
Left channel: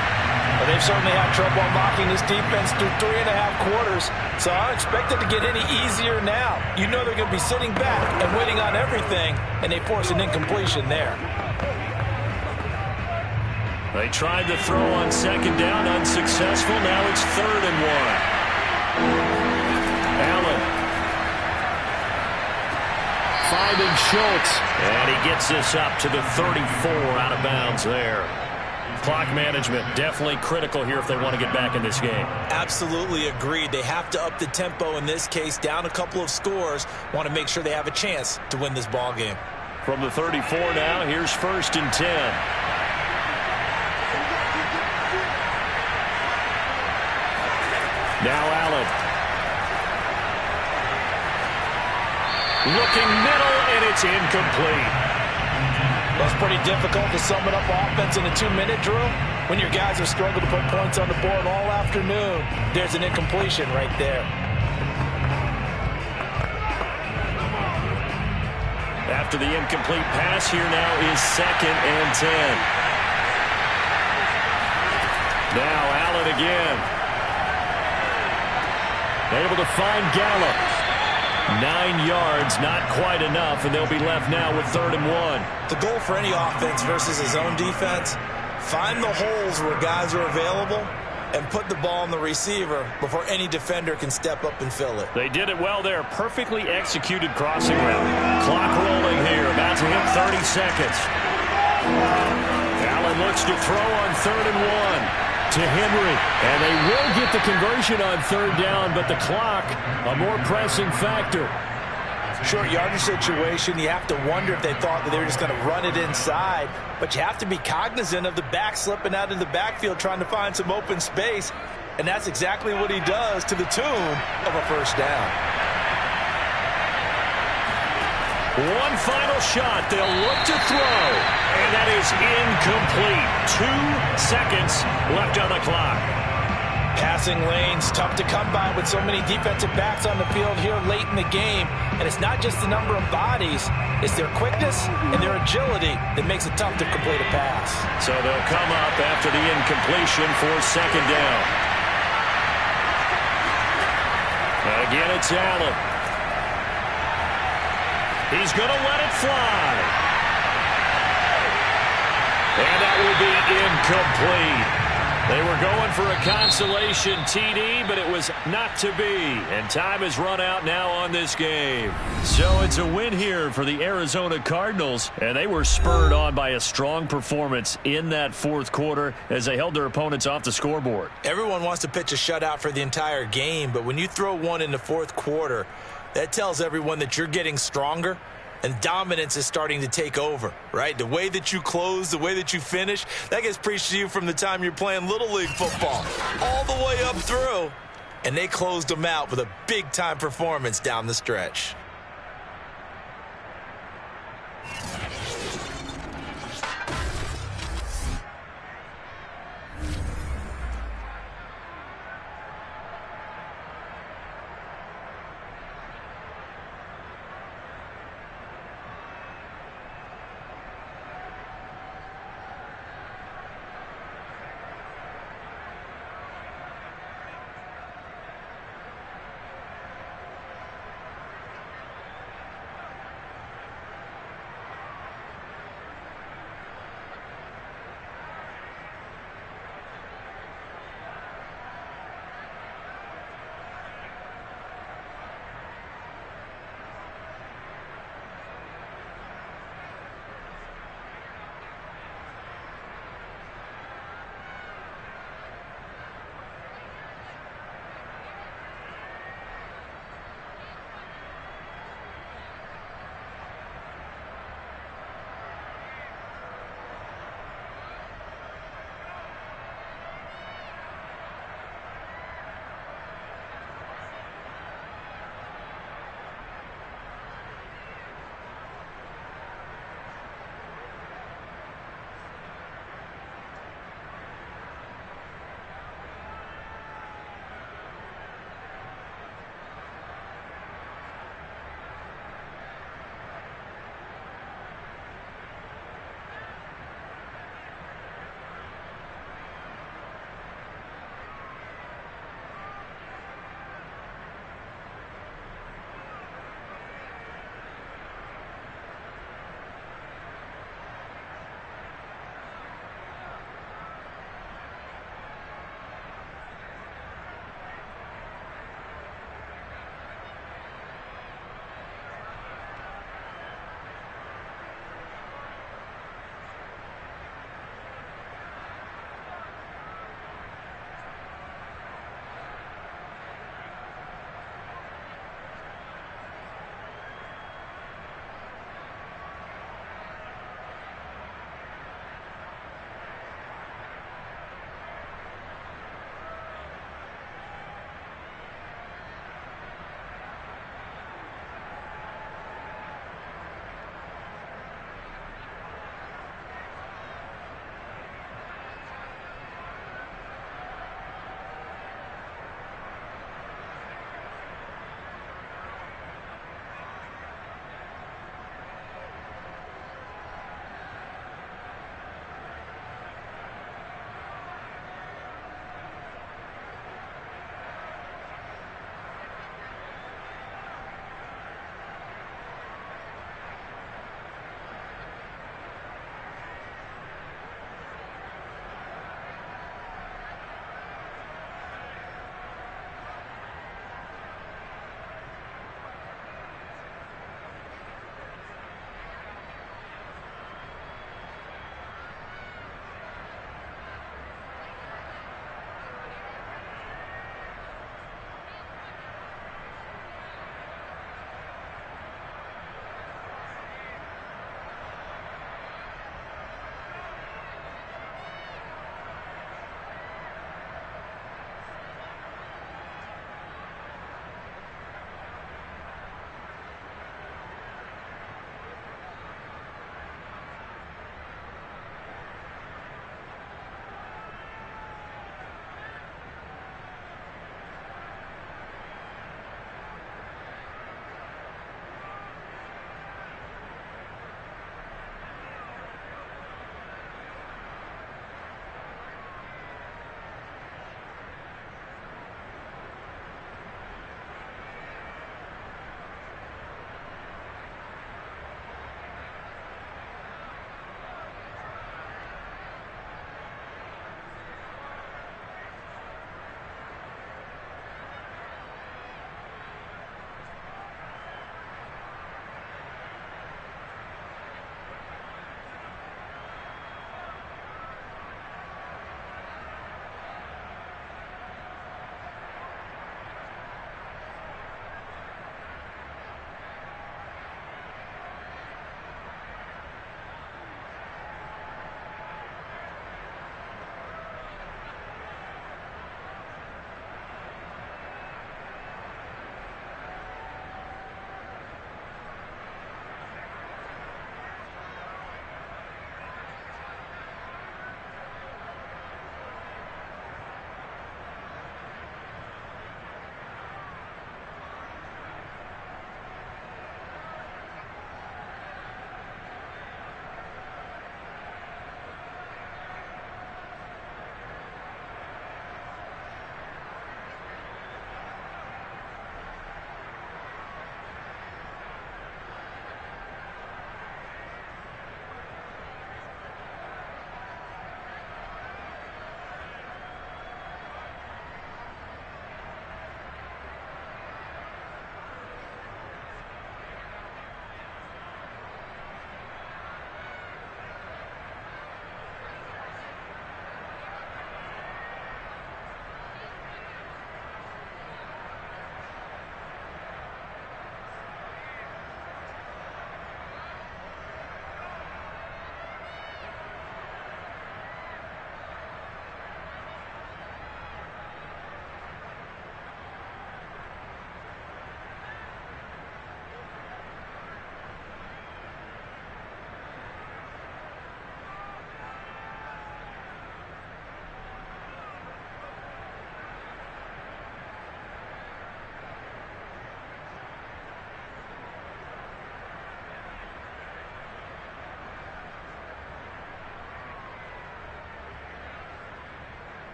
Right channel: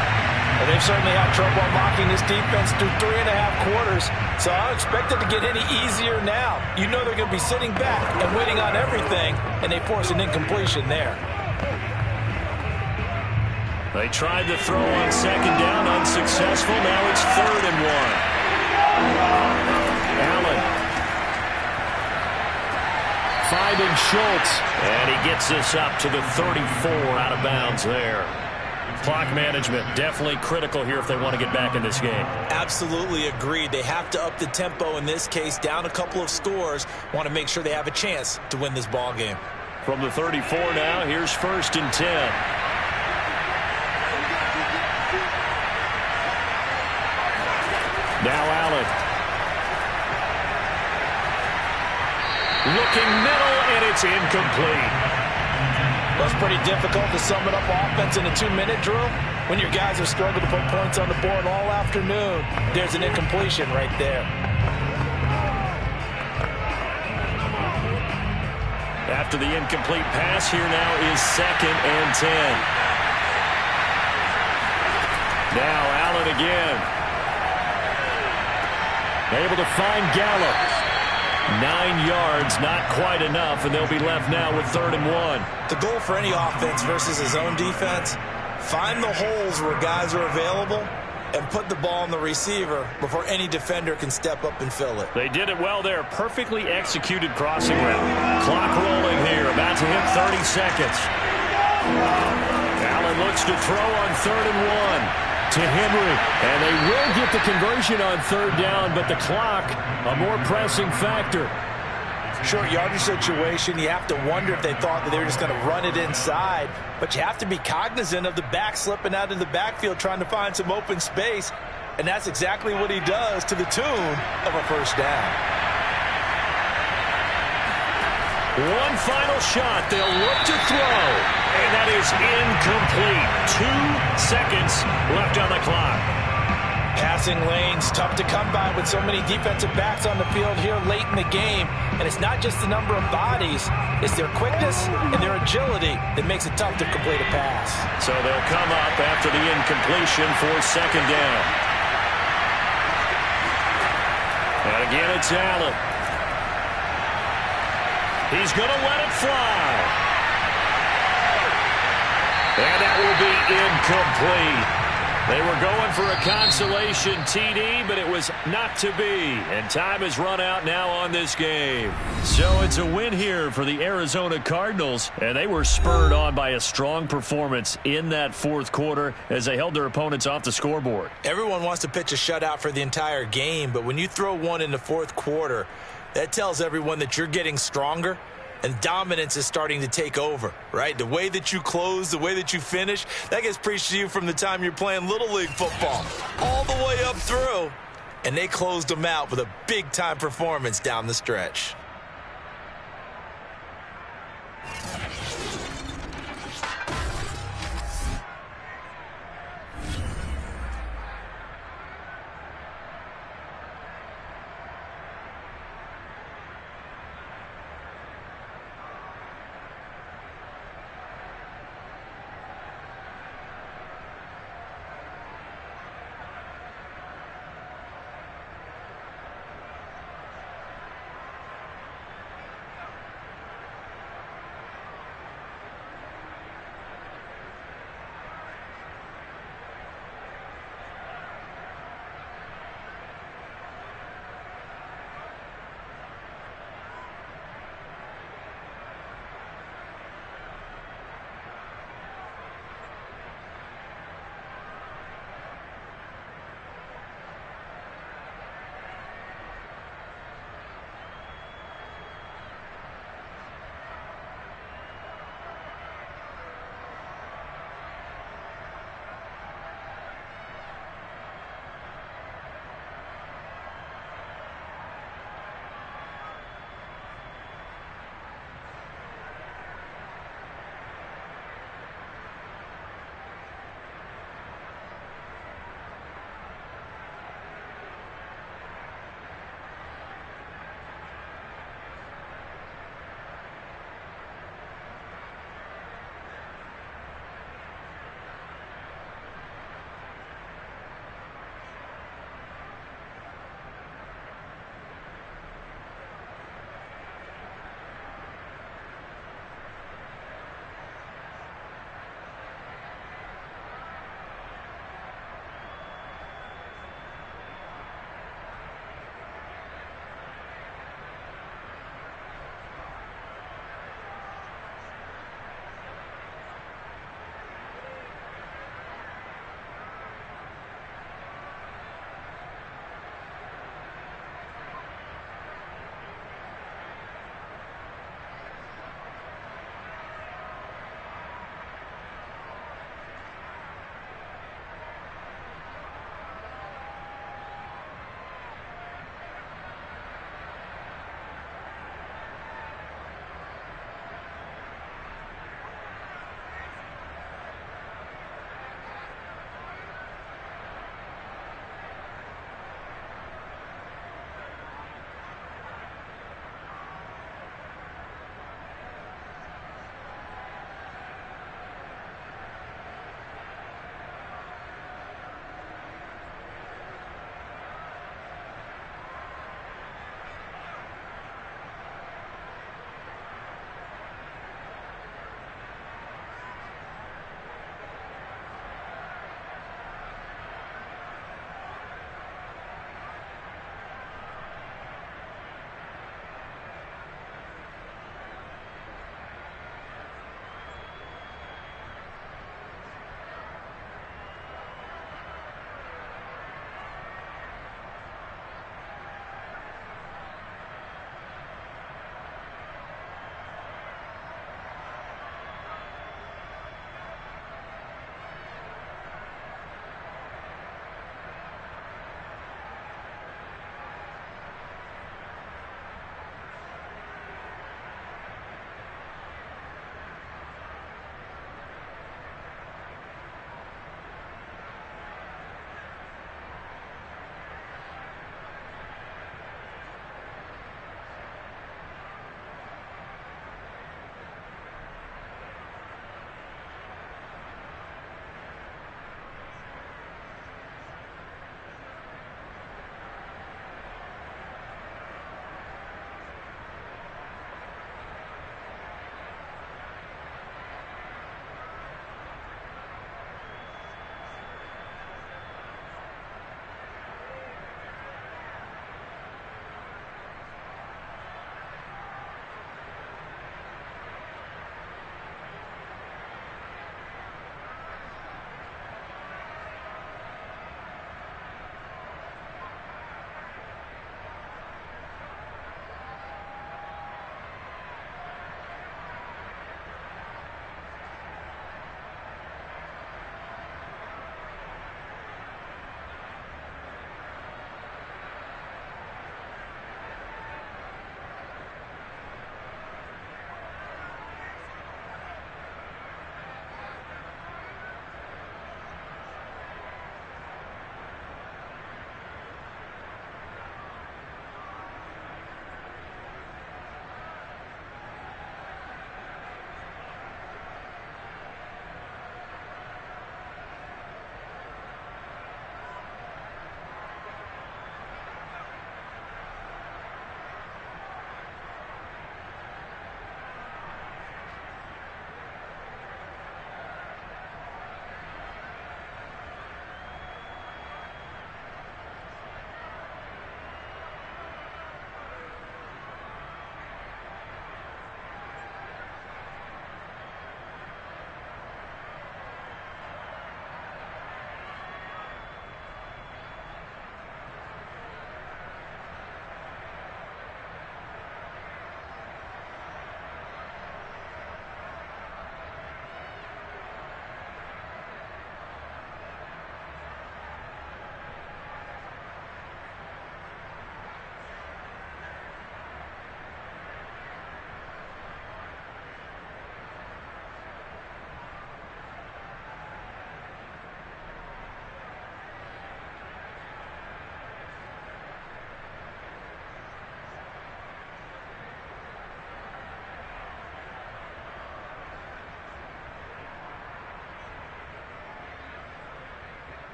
Well, they've certainly had trouble unlocking this defense through 3.5 quarters, so I don't expect it to get any easier now. You know they're going to be sitting back and waiting on everything, and they force an incompletion there. They tried to throw on 2nd down, unsuccessful. Now it's 3rd and 1. Allen. Finding Schultz. And he gets this up to the 34 out of bounds there. Clock management definitely critical here if they want to get back in this game. Absolutely agreed. They have to up the tempo in this case, down a couple of scores. Want to make sure they have a chance to win this ball game. From the 34 now, here's 1st and 10. Now Allen. Looking middle, and it's incomplete. Well, it's pretty difficult to sum it up offense in a 2-minute drill when your guys have struggled to put points on the board all afternoon. There's an incompletion right there. After the incomplete pass, here now is 2nd and 10. Now Allen again. Able to find Gallup. 9 yards, not quite enough, and they'll be left now with 3rd and 1. The goal for any offense versus his own defense, find the holes where guys are available and put the ball on the receiver before any defender can step up and fill it. They did it well there. Perfectly executed crossing route. Clock rolling here, about to hit 30 seconds. Allen looks to throw on 3rd and 1. To Henry, and they will get the conversion on 3rd down, but the clock, a more pressing factor. Short yardage situation, you have to wonder if they thought that they were just going to run it inside. But you have to be cognizant of the back slipping out of the backfield trying to find some open space. And that's exactly what he does to the tune of a first down. One final shot. They'll look to throw. And that is incomplete. 2 seconds left on the clock. Passing lanes, tough to come by with so many defensive backs on the field here late in the game. And it's not just the number of bodies, it's their quickness and their agility that makes it tough to complete a pass. So they'll come up after the incompletion for second down. And again, it's Allen. He's going to let it fly. And that will be incomplete. They were going for a consolation TD, but it was not to be. And time has run out now on this game. So it's a win here for the Arizona Cardinals. And they were spurred on by a strong performance in that fourth quarter as they held their opponents off the scoreboard. Everyone wants to pitch a shutout for the entire game, but when you throw one in the fourth quarter, that tells everyone that you're getting stronger. And dominance is starting to take over, right? The way that you close, the way that you finish, that gets preached to you from the time you're playing Little League football all the way up through. And they closed them out with a big-time performance down the stretch.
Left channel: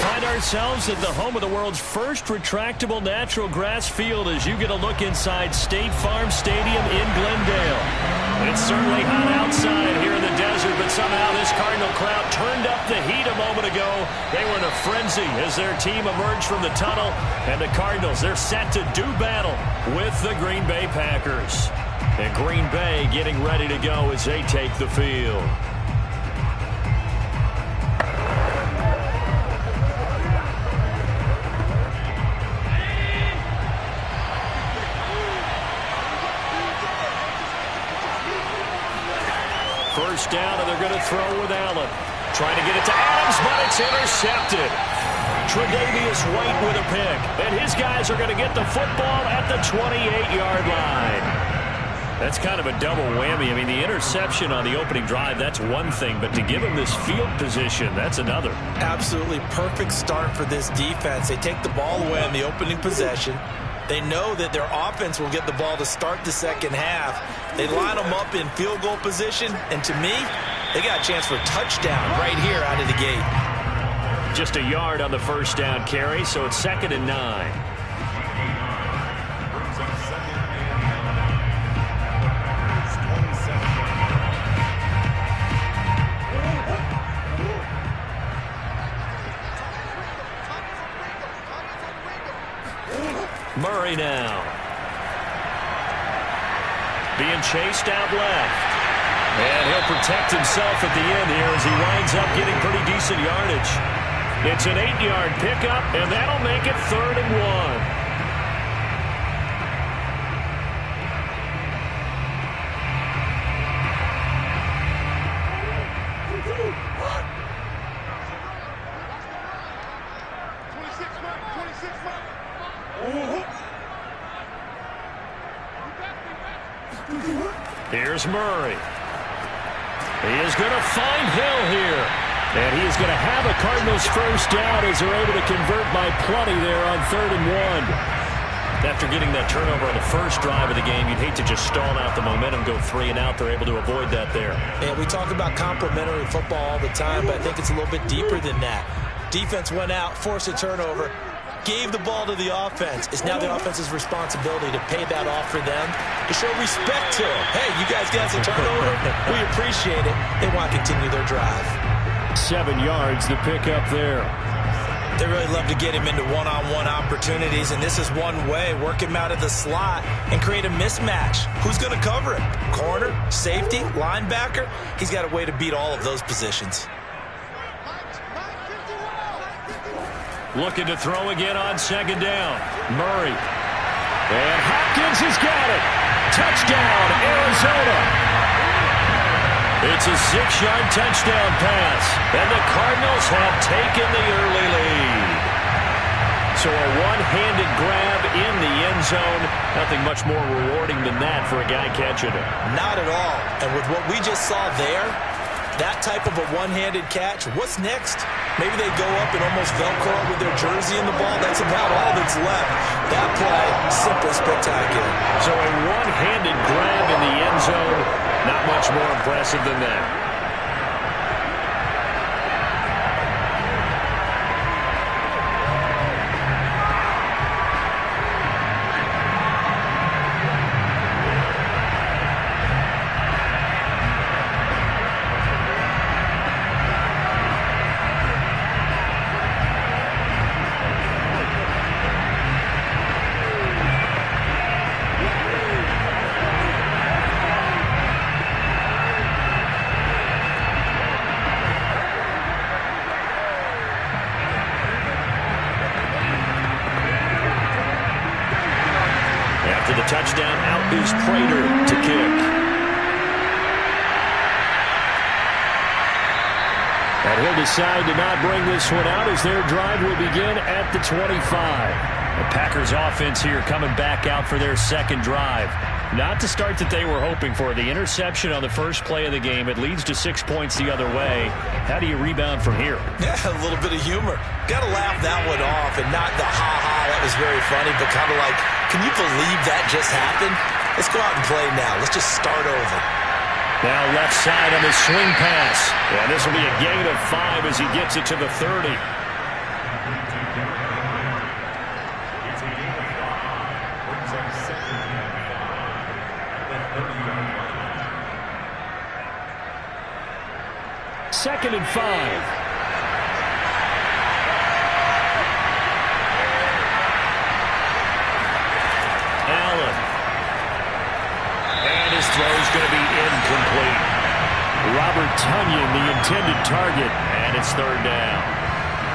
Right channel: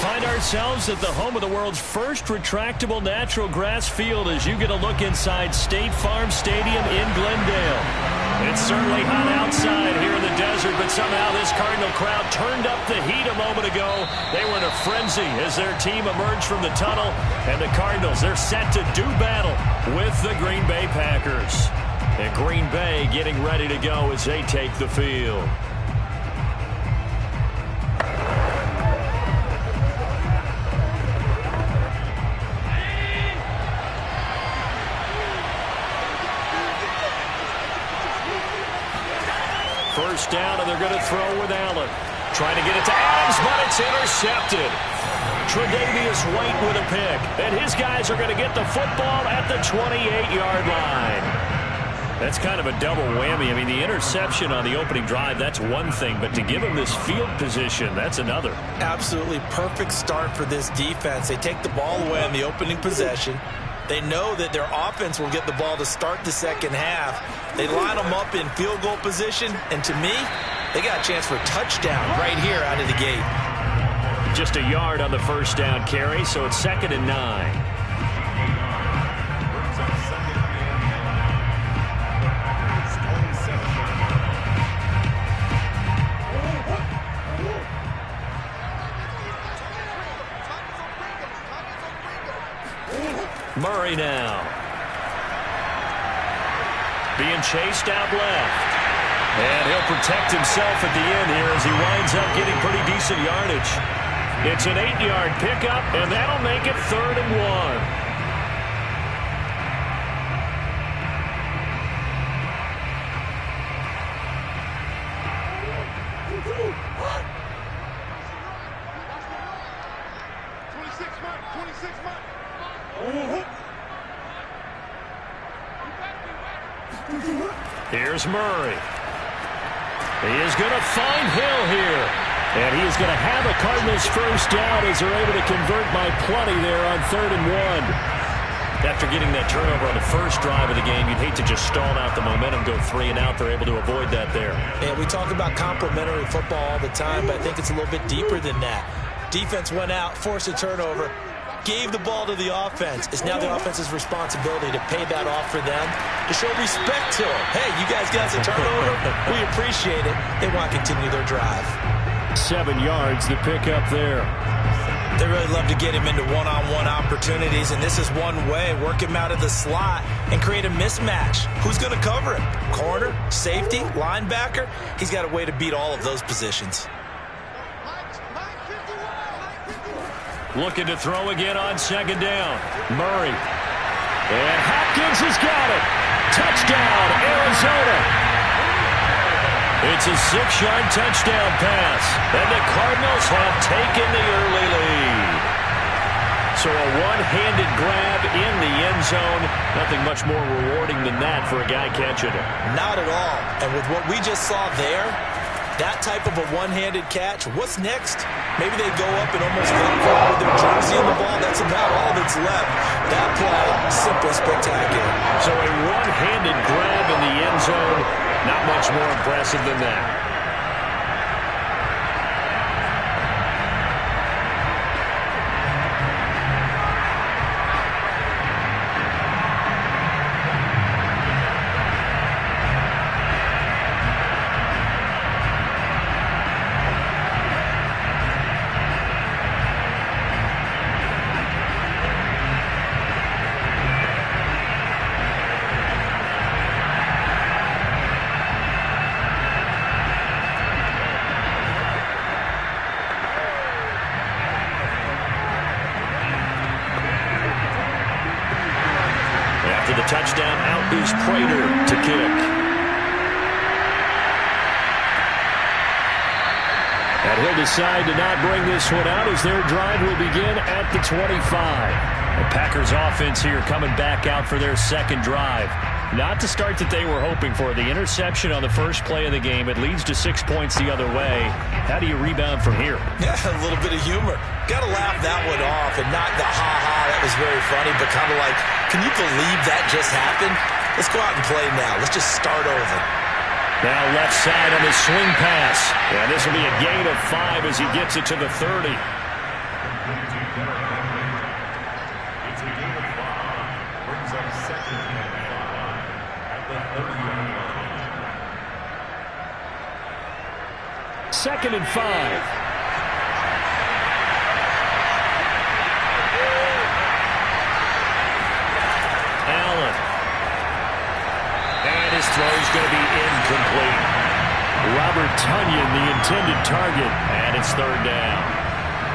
Find ourselves at the home of the world's first retractable natural grass field as you get a look inside State Farm Stadium in Glendale. It's certainly hot outside here in the desert, but somehow this Cardinal crowd turned up the heat a moment ago. They were in a frenzy as their team emerged from the tunnel, and the Cardinals, they're set to do battle with the Green Bay Packers. And Green Bay getting ready to go as they take the field. First down, and they're going to throw with Allen. Trying to get it to Adams, but it's intercepted. Tre'Davious White with a pick. And his guys are going to get the football at the 28-yard line. That's kind of a double whammy. I mean, the interception on the opening drive, that's one thing. But to give him this field position, that's another. Absolutely perfect start for this defense. They take the ball away on the opening possession. They know that their offense will get the ball to start the second half. They line them up in field goal position, and to me, they got a chance for a touchdown right here out of the gate. Just a yard on the first down carry, so it's 2nd and 9. Murray now. Being chased out left. And he'll protect himself at the end here as he winds up getting pretty decent yardage. It's an 8-yard pickup, and that'll make it 3rd and 1. Here's Murray. He is going to find Hill here. And he is going to have a Cardinals first down as they're able to convert by plenty there on 3rd and 1. After getting that turnover on the first drive of the game, you'd hate to just stall out the momentum, go 3 and out. They're able to avoid that there. Yeah, we talk about complementary football all the time, but I think it's a little bit deeper than that. Defense went out, forced a turnover, gave the ball to the offense. It's now the offense's responsibility to pay that off for them, to show respect to them. Hey, you guys got a turnover. We appreciate it. They want to continue their drive. 7 yards, the pickup there. They really love to get him into one-on-one opportunities, and this is one way. Work him out of the slot and create a mismatch. Who's going to cover him? Corner, safety, linebacker? He's got a way to beat all of those positions. Looking to throw again on 2nd down. Murray. And Hopkins has got it. Touchdown, Arizona. It's a 6-yard touchdown pass. And the Cardinals have taken the early lead. So a one-handed grab in the end zone. Nothing much more rewarding than that for a guy catching it. Not at all. And with what we just saw there, That type of a one-handed catch, what's next? Maybe they go up and almost Velcro with their jersey in the ball. That's about all that's left. That play, simply spectacular. So a one-handed grab in the end zone, not much more impressive than that. After the touchdown, out is Prater to kick. And he'll decide to not bring this one out as their drive will begin at the 25. The Packers offense here coming back out for their second drive. Not the start that they were hoping for. The interception on the first play of the game. It leads to 6 points the other way. How do you rebound from here? Yeah, a little bit of humor. Got to laugh that one off and not the ha-ha, that was very funny, but kind of like, can you believe that just happened? Let's go out and play now. Let's just start over. Now left side on the swing pass. Yeah, this will be a gain of 5 as he gets it to the 30. It's a gain of 5. Brings up second and 5 at the 30-yard line. Second and 5. Allen. And his throw's going to be incomplete. Robert Tonyan, the intended target, and it's third down.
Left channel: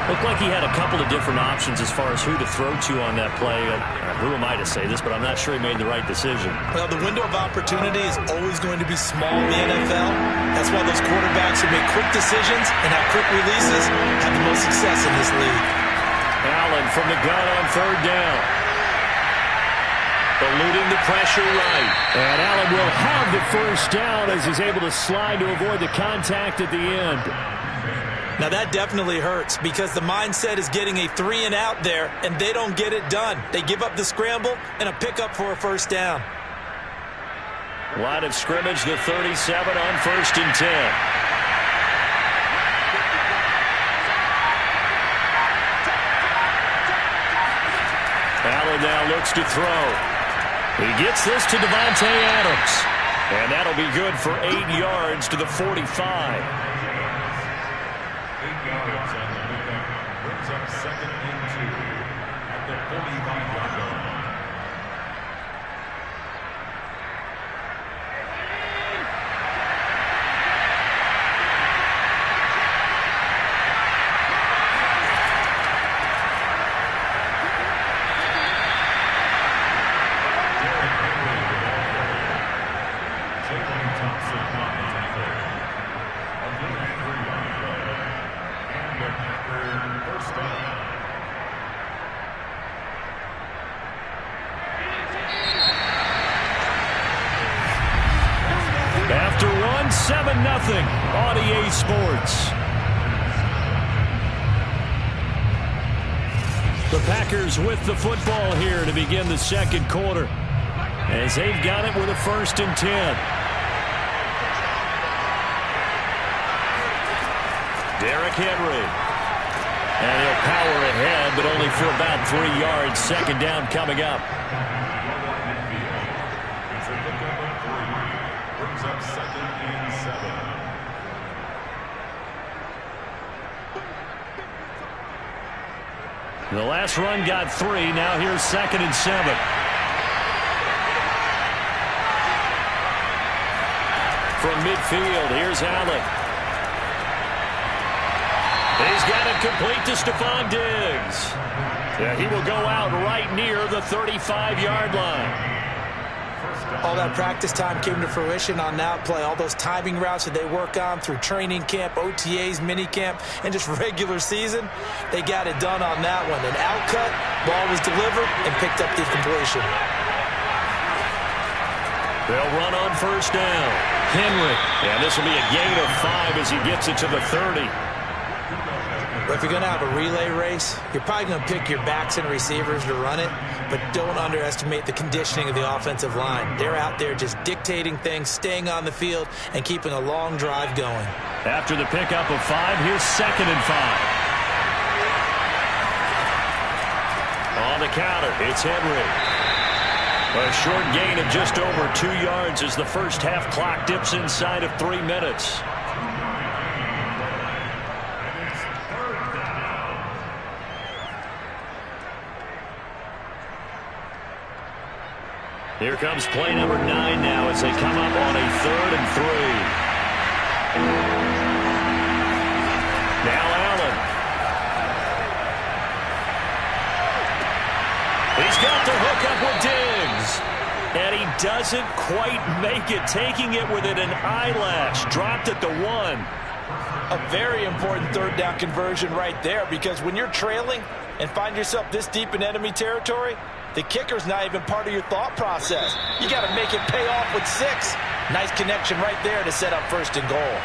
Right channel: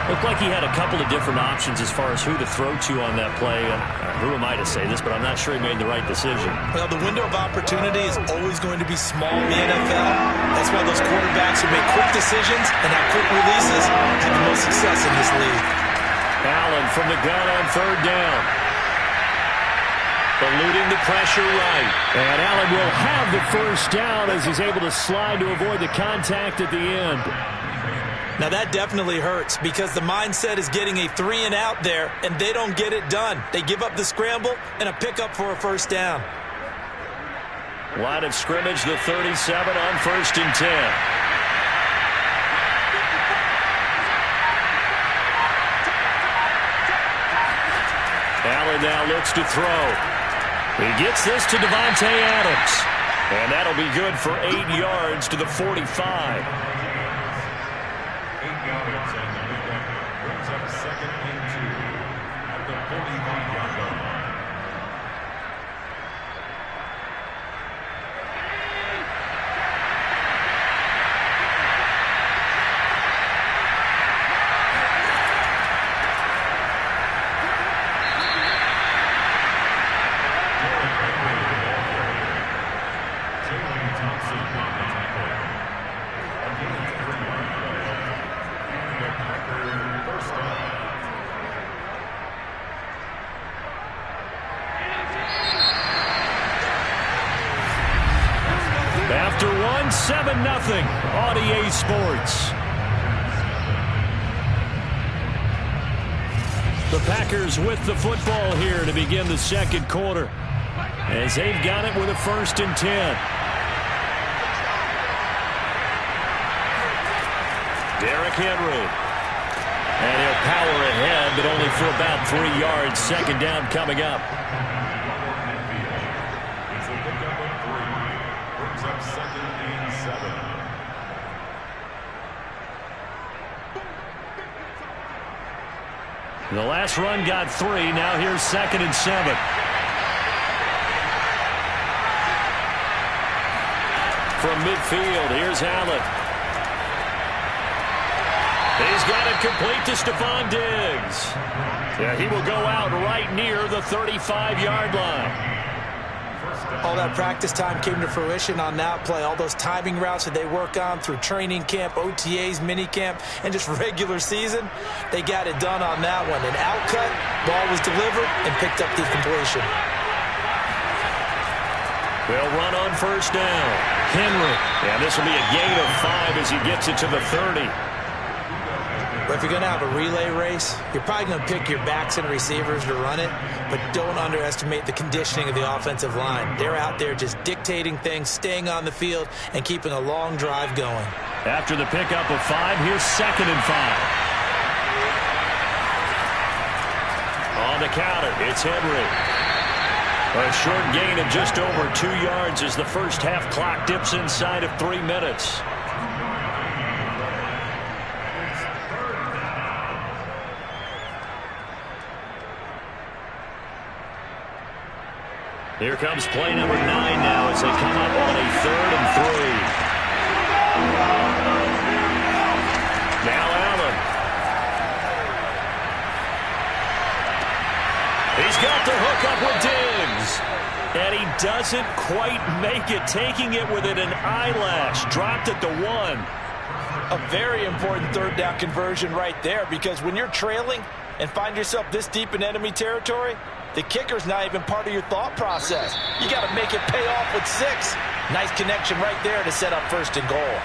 Looked like he had a couple of different options as far as who to throw to on that play. And who am I to say this, but I'm not sure he made the right decision. Well, the window of opportunity is always going to be small in the NFL. That's why those quarterbacks who make quick decisions and have quick releases have the most success in this league. Allen from the gun on third down. Eluding the pressure right. And Allen will have the first down as he's able to slide to avoid the contact at the end. Now that definitely hurts because the mindset is getting a 3 and out there, and they don't get it done. They give up the scramble and a pickup for a first down. Line of scrimmage, the 37 on 1st and 10. Allen now looks to throw. He gets this to Devontae Adams. And that'll be good for 8 yards to the 45. 8 yards on the pickup. Brings up second and 2 at the 45-yard line. After one, 7-0 on EA Sports. The Packers with the football here to begin the second quarter, as they've got it with a 1st and 10. Derrick Henry. And he'll power ahead, but only for about 3 yards. Second down coming up. It's a pickup of 3. Brings up second and 7. The last run got 3. Now here's 2nd and 7. From midfield, here's Allen. He's got it complete to Stephon Diggs. Yeah, he will go out right near the 35-yard line. All that practice time came to fruition on that play. All those timing routes that they work on through training camp, OTAs, minicamp, and just regular season, they got it done on that one. An outcut, ball was delivered, and picked up the completion. They'll run on first down. Henry. And this will be a gain of 5 as he gets it to the 30. But if you're going to have a relay race, you're probably going to pick your backs and receivers to run it, but don't underestimate the conditioning of the offensive line. They're out there just dictating things, staying on the field, and keeping a long drive going. After the pickup of 5, here's 2nd and 5. On the counter, it's Henry. A short gain of just over 2 yards as the first half clock dips inside of 3 minutes. Here comes play number 9 now as they come up on a 3rd and 3. Now Allen. He's got the hook up with Diggs. And he doesn't quite make it, taking it within an eyelash. Dropped at the 1. A very important 3rd down conversion right there, because when you're trailing and find yourself this deep in enemy territory, the kicker's not even part of your thought process. You got to make it pay off with 6. Nice connection right there to set up 1st and goal.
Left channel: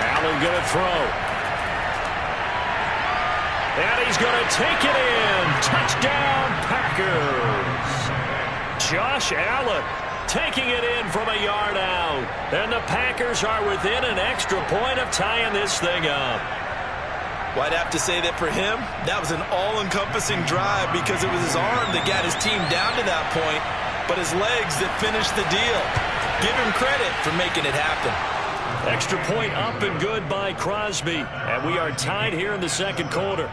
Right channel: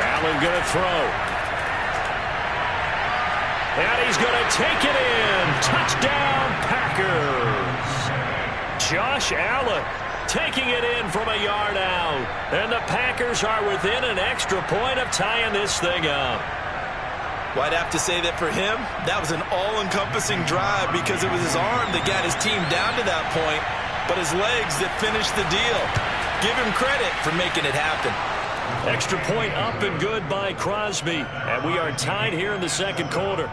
Allen going to throw. And he's going to take it in. Touchdown, Packers. Josh Allen taking it in from a yard out. And the Packers are within an extra point of tying this thing up. Well, I'd have to say that for him, that was an all-encompassing drive because it was his arm that got his team down to that point, but his legs that finished the deal. Give him credit for making it happen. Extra point up and good by Crosby. And we are tied here in the 2nd quarter.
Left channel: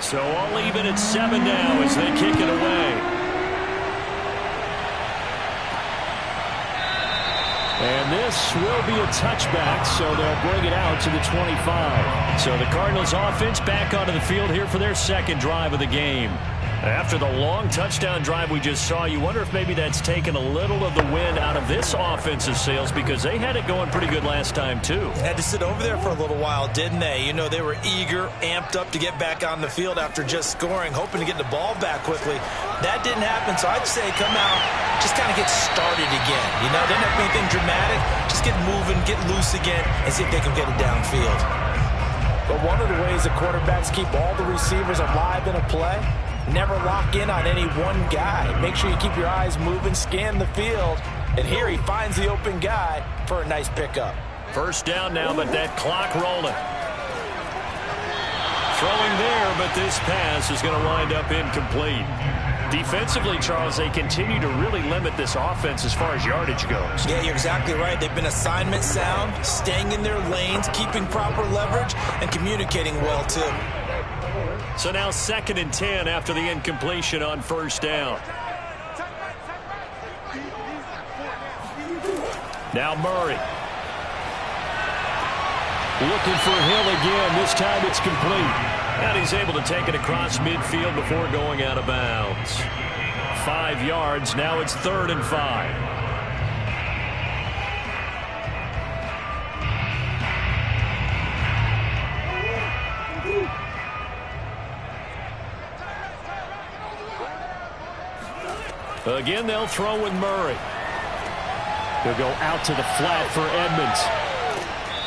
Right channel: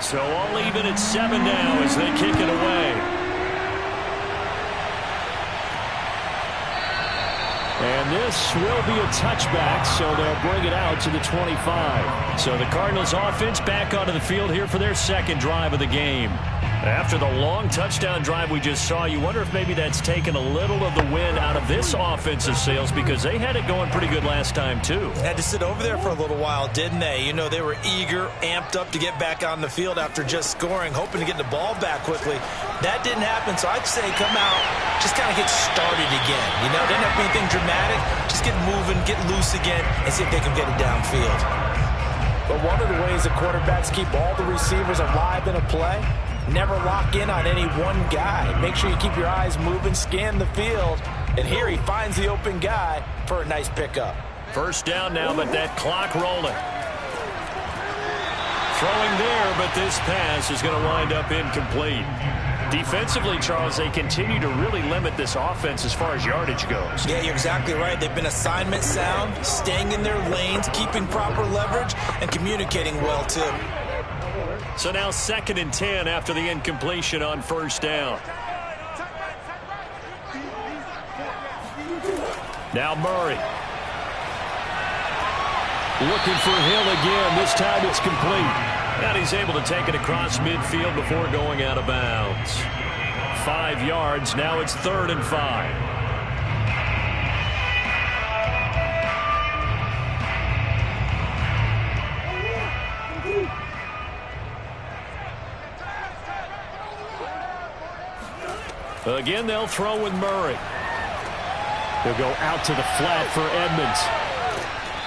So all even at 7 now as they kick it away. And this will be a touchback, so they'll bring it out to the 25. So the Cardinals offense back onto the field here for their 2nd drive of the game. After the long touchdown drive we just saw, you wonder if maybe that's taken a little of the wind out of this offensive sails, because they had it going pretty good last time too. Had to sit over there for a little while, didn't they? You know, they were eager, amped up to get back on the field after just scoring, hoping to get the ball back quickly. That didn't happen, so I'd say come out, just kind of get started again. You know, didn't have anything dramatic. Just get moving, get loose again, and see if they can get it downfield. But one of the ways that quarterbacks keep all the receivers alive in a play, never lock in on any one guy. Make sure you keep your eyes moving, scan the field. And here he finds the open guy for a nice pickup. First down now, but that clock rolling. Throwing there, but this pass is going to wind up incomplete. Defensively, Charles, they continue to really limit this offense as far as yardage goes. Yeah, you're exactly right. They've been assignment sound, staying in their lanes, keeping proper leverage, and communicating well, too. So now 2nd and 10 after the incompletion on first down. Now Murray. Looking for Hill again. This time it's complete. And he's able to take it across midfield before going out of bounds. 5 yards. Now it's 3rd and 5. Again, they'll throw with Murray. They'll go out to the flat for Edmonds.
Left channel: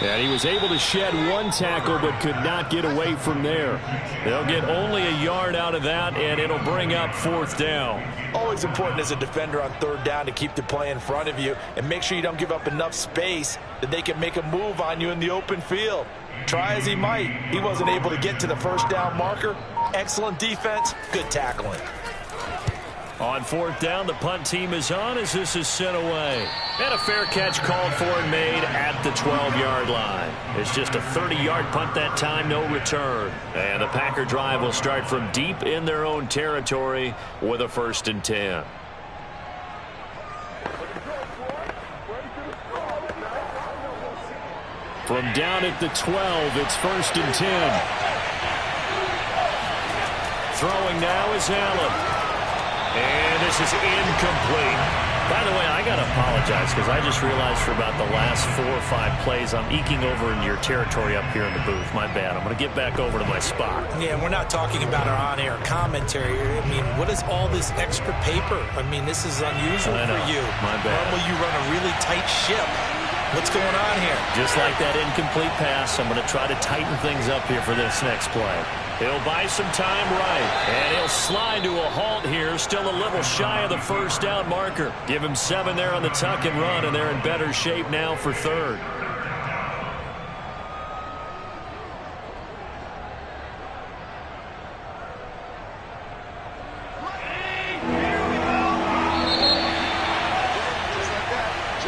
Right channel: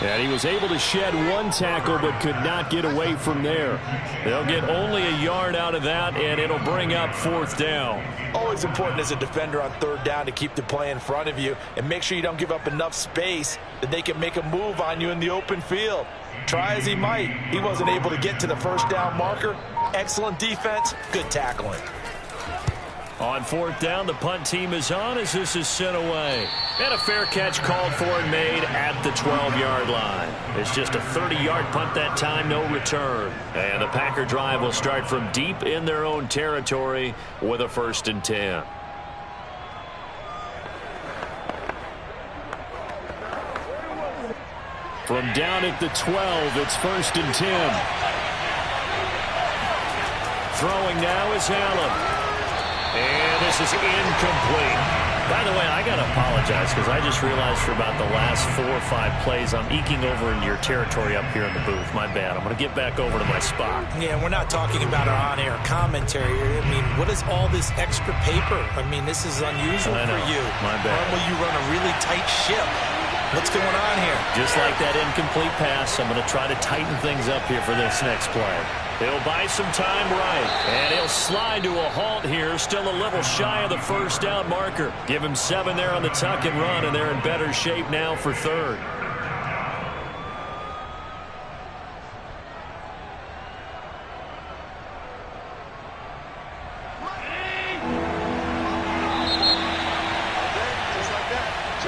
And he was able to shed one tackle but could not get away from there. They'll get only a yard out of that, and it'll bring up 4th down. Always important as a defender on 3rd down to keep the play in front of you and make sure you don't give up enough space that they can make a move on you in the open field. Try as he might, he wasn't able to get to the 1st down marker. Excellent defense, good tackling. On 4th down, the punt team is on as this is sent away. And a fair catch called for and made at the 12-yard line. It's just a 30-yard punt that time, no return. And the Packer drive will start from deep in their own territory with a 1st and 10. From down at the 12, it's 1st and 10. Throwing now is Allen. And this is incomplete. By the way, I got to apologize because I just realized for about the last 4 or 5 plays I'm eking over into your territory up here in the booth. My bad. I'm going to get back over to my spot. Yeah, we're not talking about our on-air commentary. I mean, what is all this extra paper? I mean, this is unusual for you. My bad. Normally you run a really tight ship. What's going on here? Just like that incomplete pass, I'm going to try to tighten things up here for this next play. He'll buy some time right, and he'll slide to a halt here, still a little shy of the 1st down marker. Give him 7 there on the tuck and run, and they're in better shape now for 3rd.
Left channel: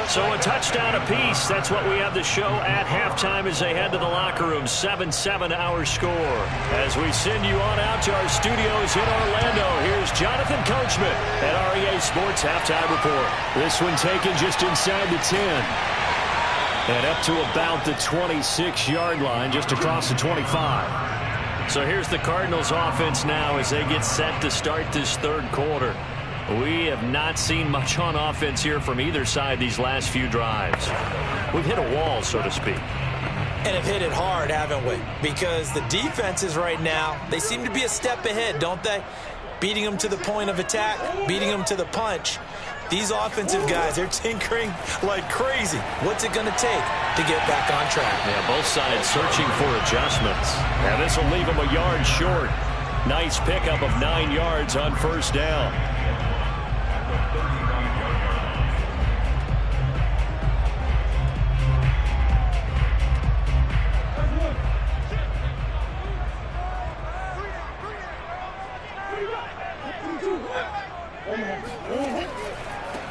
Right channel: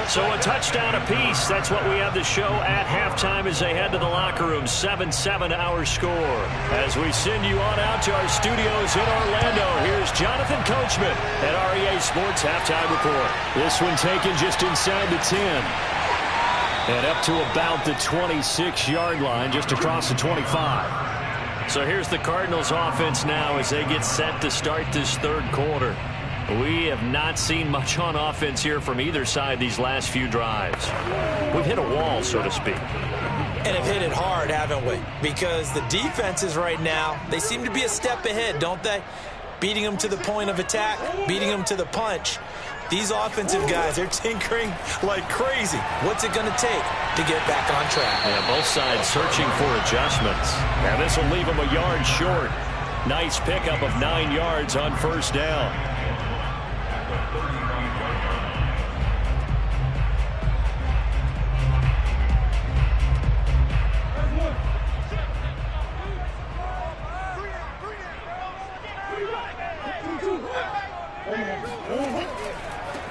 So a touchdown apiece. That's what we have the show at halftime as they head to the locker room. 7-7 our score. As we send you on out to our studios in Orlando, here's Jonathan Coachman at REA Sports Halftime Report. This one taken just inside the 10. And up to about the 26-yard line, just across the 25. So here's the Cardinals offense now as they get set to start this 3rd quarter. We have not seen much on offense here from either side these last few drives. We've hit a wall, so to speak. And have hit it hard, haven't we? Because the defenses right now, they seem to be a step ahead, don't they? Beating them to the point of attack, beating them to the punch. These offensive guys, they're tinkering like crazy. What's it going to take to get back on track? Yeah, both sides searching for adjustments. And this will leave them a yard short. Nice pickup of 9 yards on 1st down.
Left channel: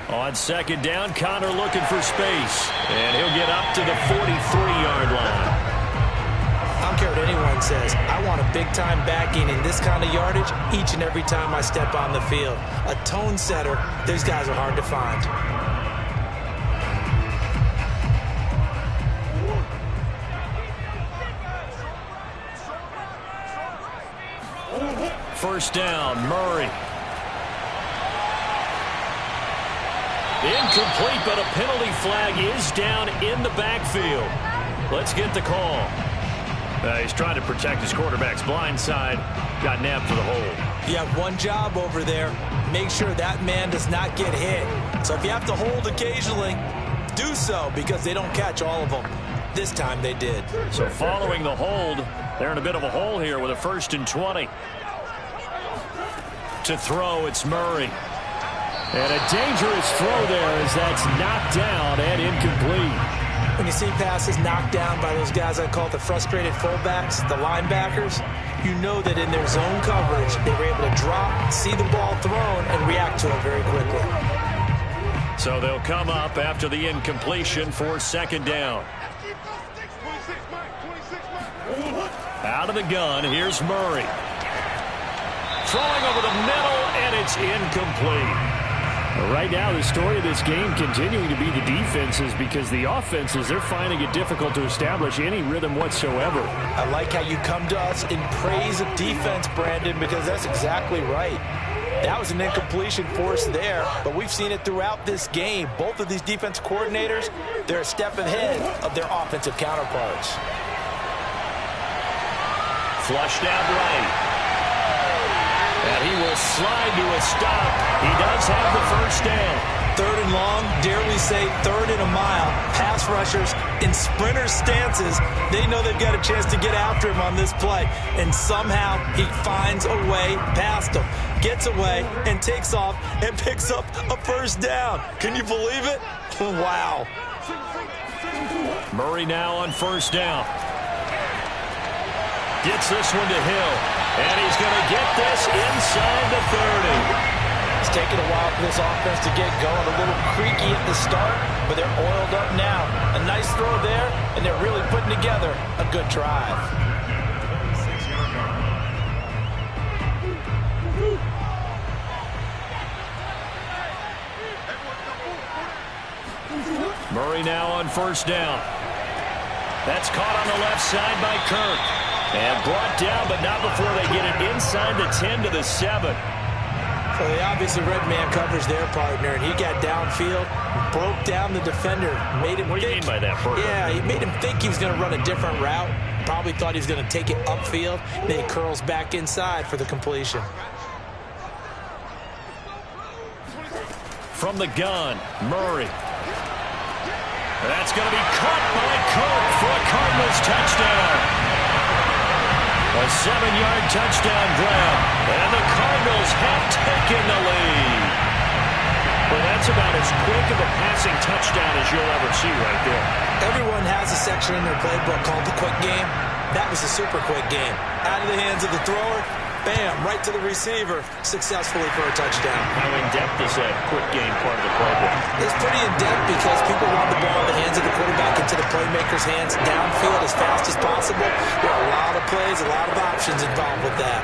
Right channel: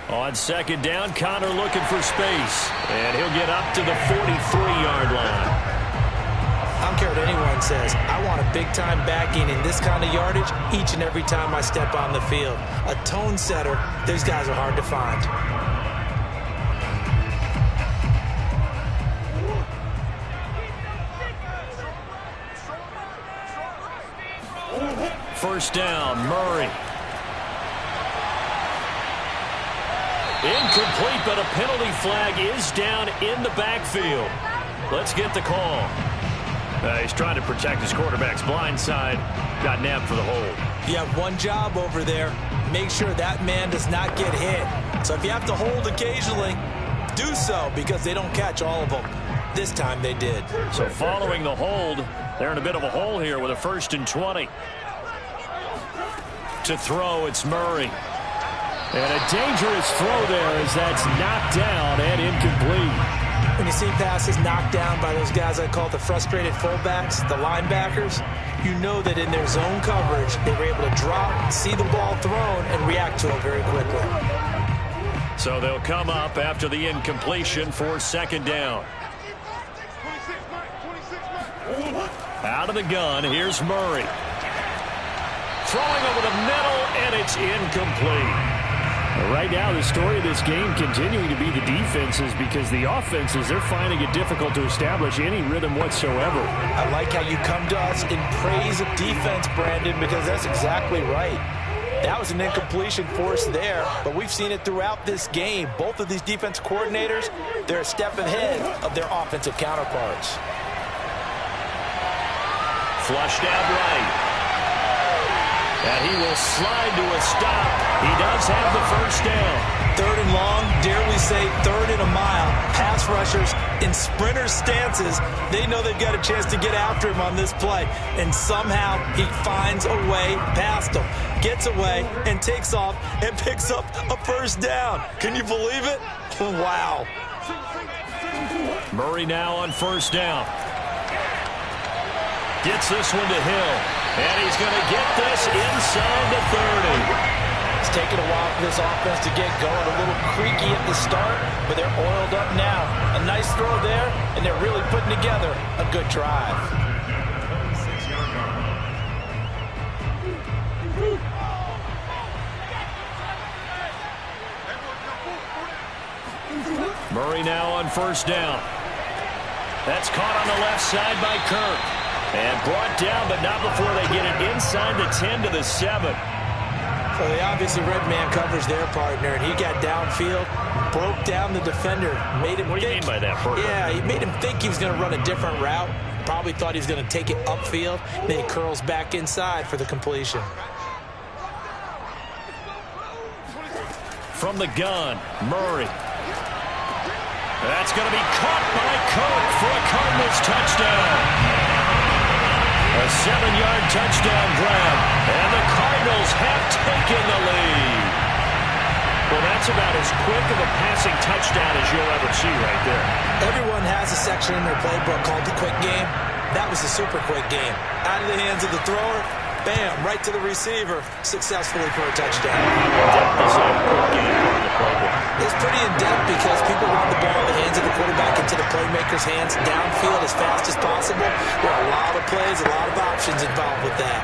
On 2nd down, Connor looking for space. And he'll get up to the 43-yard line. I don't care what anyone says. I want a big-time backing in this kind of yardage each and every time I step on the field. A tone setter, these guys are hard to find. First down, Murray. Incomplete, but a penalty flag is down in the backfield. Let's get the call. He's trying to protect his quarterback's blind side. Got nabbed for the hold. You have one job over there. Make sure that man does not get hit. So if you have to hold occasionally, do so because they don't catch all of them. This time they did. So following the hold, they're in a bit of a hole here with a 1st and 20. To throw, it's Murray. And a dangerous throw there as that's knocked down and incomplete. When you see passes knocked down by those guys I call the frustrated fullbacks, the linebackers, you know that in their zone coverage, they were able to drop, see the ball thrown, and react to it very quickly. So they'll come up after the incompletion for 2nd down. Out of the gun, here's Murray. Throwing over the middle, and it's incomplete. Right now, the story of this game continuing to be the defenses because the offenses, they're finding it difficult to establish any rhythm whatsoever. I like how you come to us in praise of defense, Brandon, because that's exactly right. That was an incompletion for us there, but we've seen it throughout this game. Both of these defense coordinators, they're a step ahead of their offensive counterparts. Flushed out right. And he will slide to a stop. He does have the 1st down. third and long, dare we say third and a mile, pass rushers in sprinter stances, they know they've got a chance to get after him on this play. And somehow he finds a way past them, gets away and takes off and picks up a first down. Can you believe it? Wow. Murray now on first down. Gets this one to Hill. And he's going to get this inside the 30. It's taken a while for this offense to get going. A little creaky at the start, but they're oiled up now. A nice throw there, and they're really putting together a good drive. Murray now on first down. That's caught on the left side by Kirk. And brought down, but not before they get it inside the 10 to the 7. So they obviously red man coverage their partner, and he got downfield, broke down the defender, made him What do you mean by that, Burger? Yeah, he made him think he was going to run a different route. Probably thought he was going to take it upfield. Then he curls back inside for the completion. From the gun, Murray. That's going to be caught by Kirk for a Cardinals touchdown. A 7-yard touchdown grab, and the Cardinals have taken the lead. Well, that's about as quick of a passing touchdown as you'll ever see right there. Everyone has a section in their playbook called the quick game. That was a super quick game. Out of the hands of the thrower, bam, right to the receiver, successfully for a touchdown. How in-depth is that quick game part of the playbook? It's pretty in-depth because people want the ball in the hands of the quarterback into the playmaker's hands downfield as fast as possible. There are a lot of plays, a lot of options involved with that.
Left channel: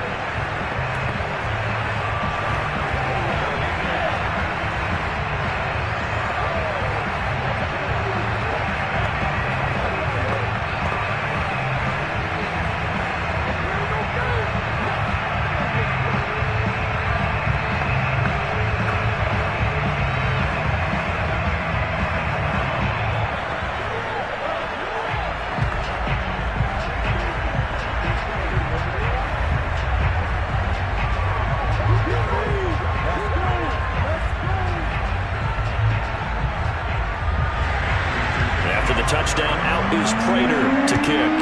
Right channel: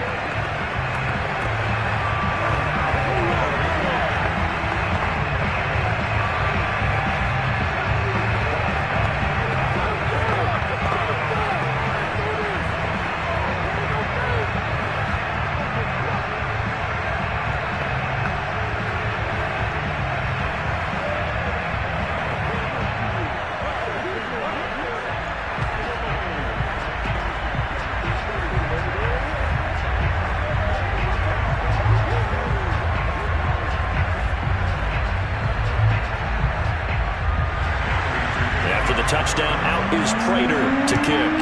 Touchdown, out is Prater to kick.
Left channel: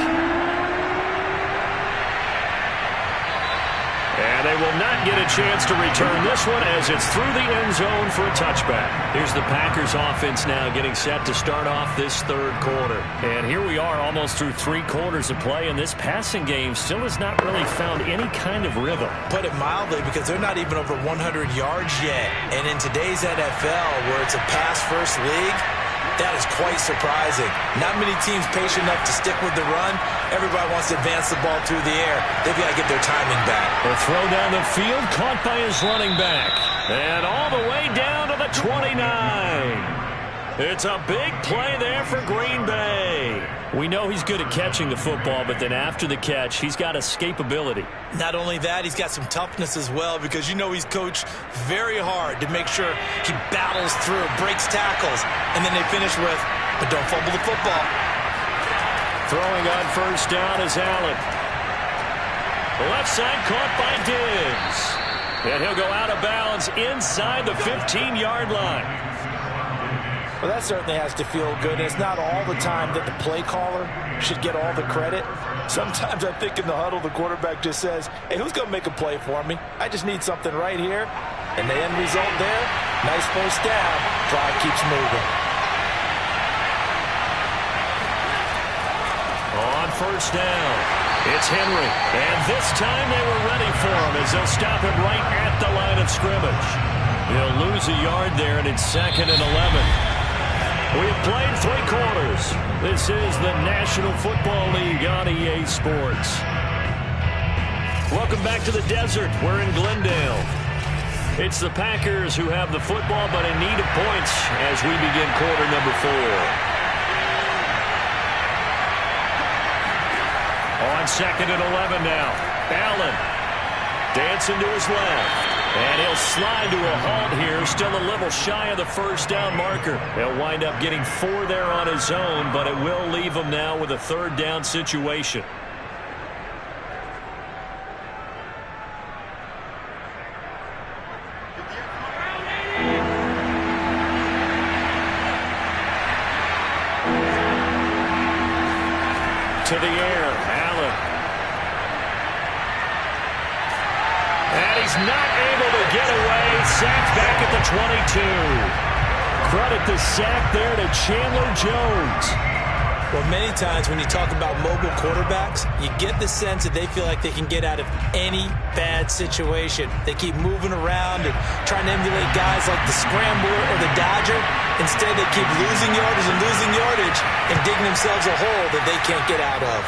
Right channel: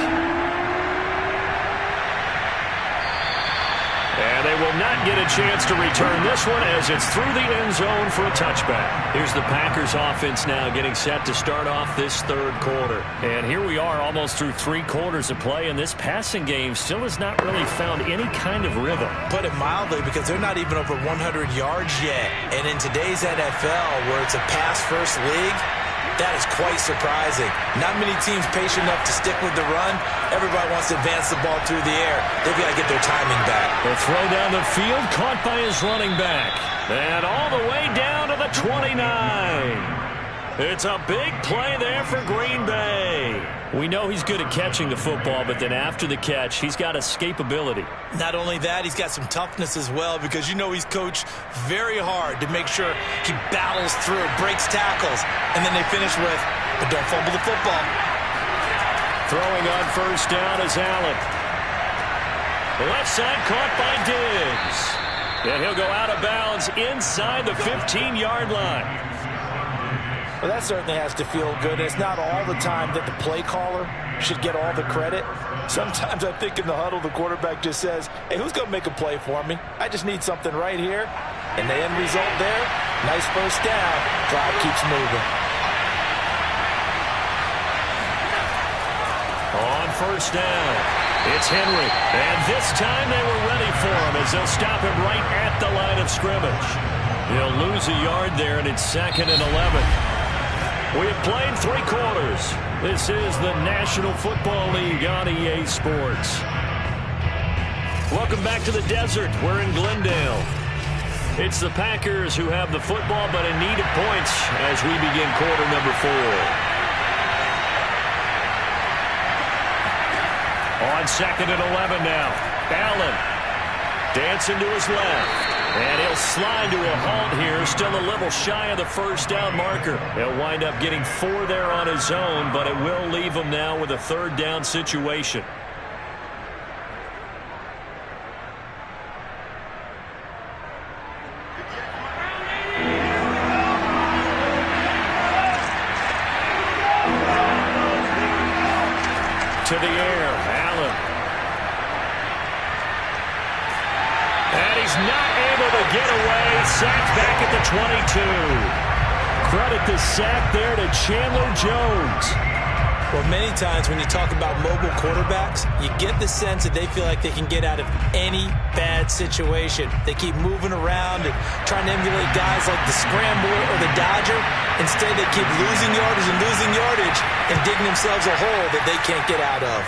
And they will not get a chance to return this one as it's through the end zone for a touchback. Here's the Packers offense now getting set to start off this third quarter. And here we are almost through 3 quarters of play, and this passing game still has not really found any kind of rhythm. Put it mildly, because they're not even over 100 yards yet. And in today's NFL, where it's a pass-first league, that is quite surprising. Not many teams patient enough to stick with the run. Everybody wants to advance the ball through the air. They've got to get their timing back. The throw down the field, caught by his running back. And all the way down to the 29. It's a big play there for Green Bay. We know he's good at catching the football, but then after the catch, he's got escapability. Not only that, he's got some toughness as well, because you know he's coached very hard to make sure he battles through, breaks tackles, and then they finish with, but don't fumble the football. Throwing on first down is Allen. The left side caught by Diggs. And he'll go out of bounds inside the 15-yard line. Well, that certainly has to feel good. It's not all the time that the play caller should get all the credit. Sometimes I think in the huddle, the quarterback just says, hey, who's going to make a play for me? I just need something right here. And the end result there, nice first down. Drive keeps moving. On first down, it's Henry. And this time they were ready for him as they'll stop him right at the line of scrimmage. He'll lose a yard there, and it's 2nd and 11. We have played 3 quarters. This is the National Football League on EA Sports. Welcome back to the desert. We're in Glendale. It's the Packers who have the football, but in need of points as we begin quarter number 4. On 2nd and 11 now. Allen dancing to his left. And he'll slide to a halt here, still a little shy of the first down marker. He'll wind up getting 4 there on his own, but it will leave him now with a 3rd down situation. to the air. Allen. And he's not able to get away. Sacked back at the 22. Credit the sack there to Chandler Jones. Well, many times when you talk about mobile quarterbacks, you get the sense that they feel like they can get out of any bad situation. They keep moving around and trying to emulate guys like the Scrambler or the Dodger. Instead, they keep losing yardage and digging themselves a hole that they can't get out of.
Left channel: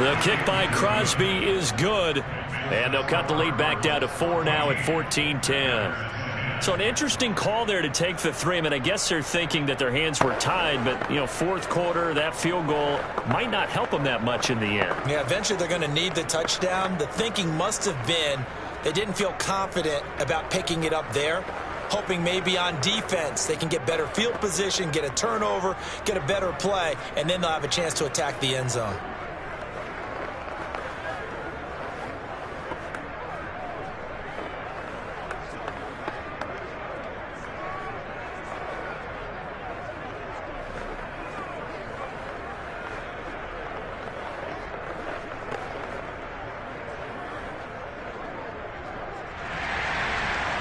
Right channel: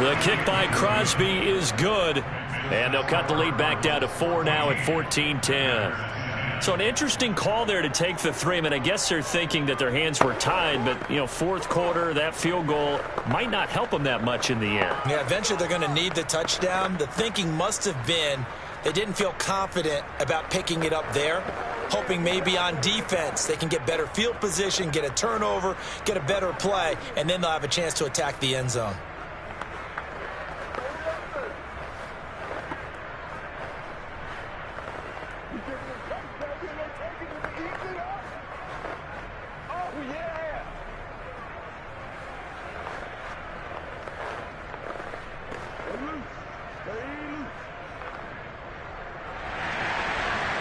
The kick by Crosby is good, and they'll cut the lead back down to 4 now at 14-10. So an interesting call there to take the 3. I mean, I guess they're thinking that their hands were tied, but, you know, fourth quarter, that field goal might not help them that much in the end. Yeah, eventually they're going to need the touchdown. The thinking must have been they didn't feel confident about picking it up there, hoping maybe on defense they can get better field position, get a turnover, get a better play, and then they'll have a chance to attack the end zone.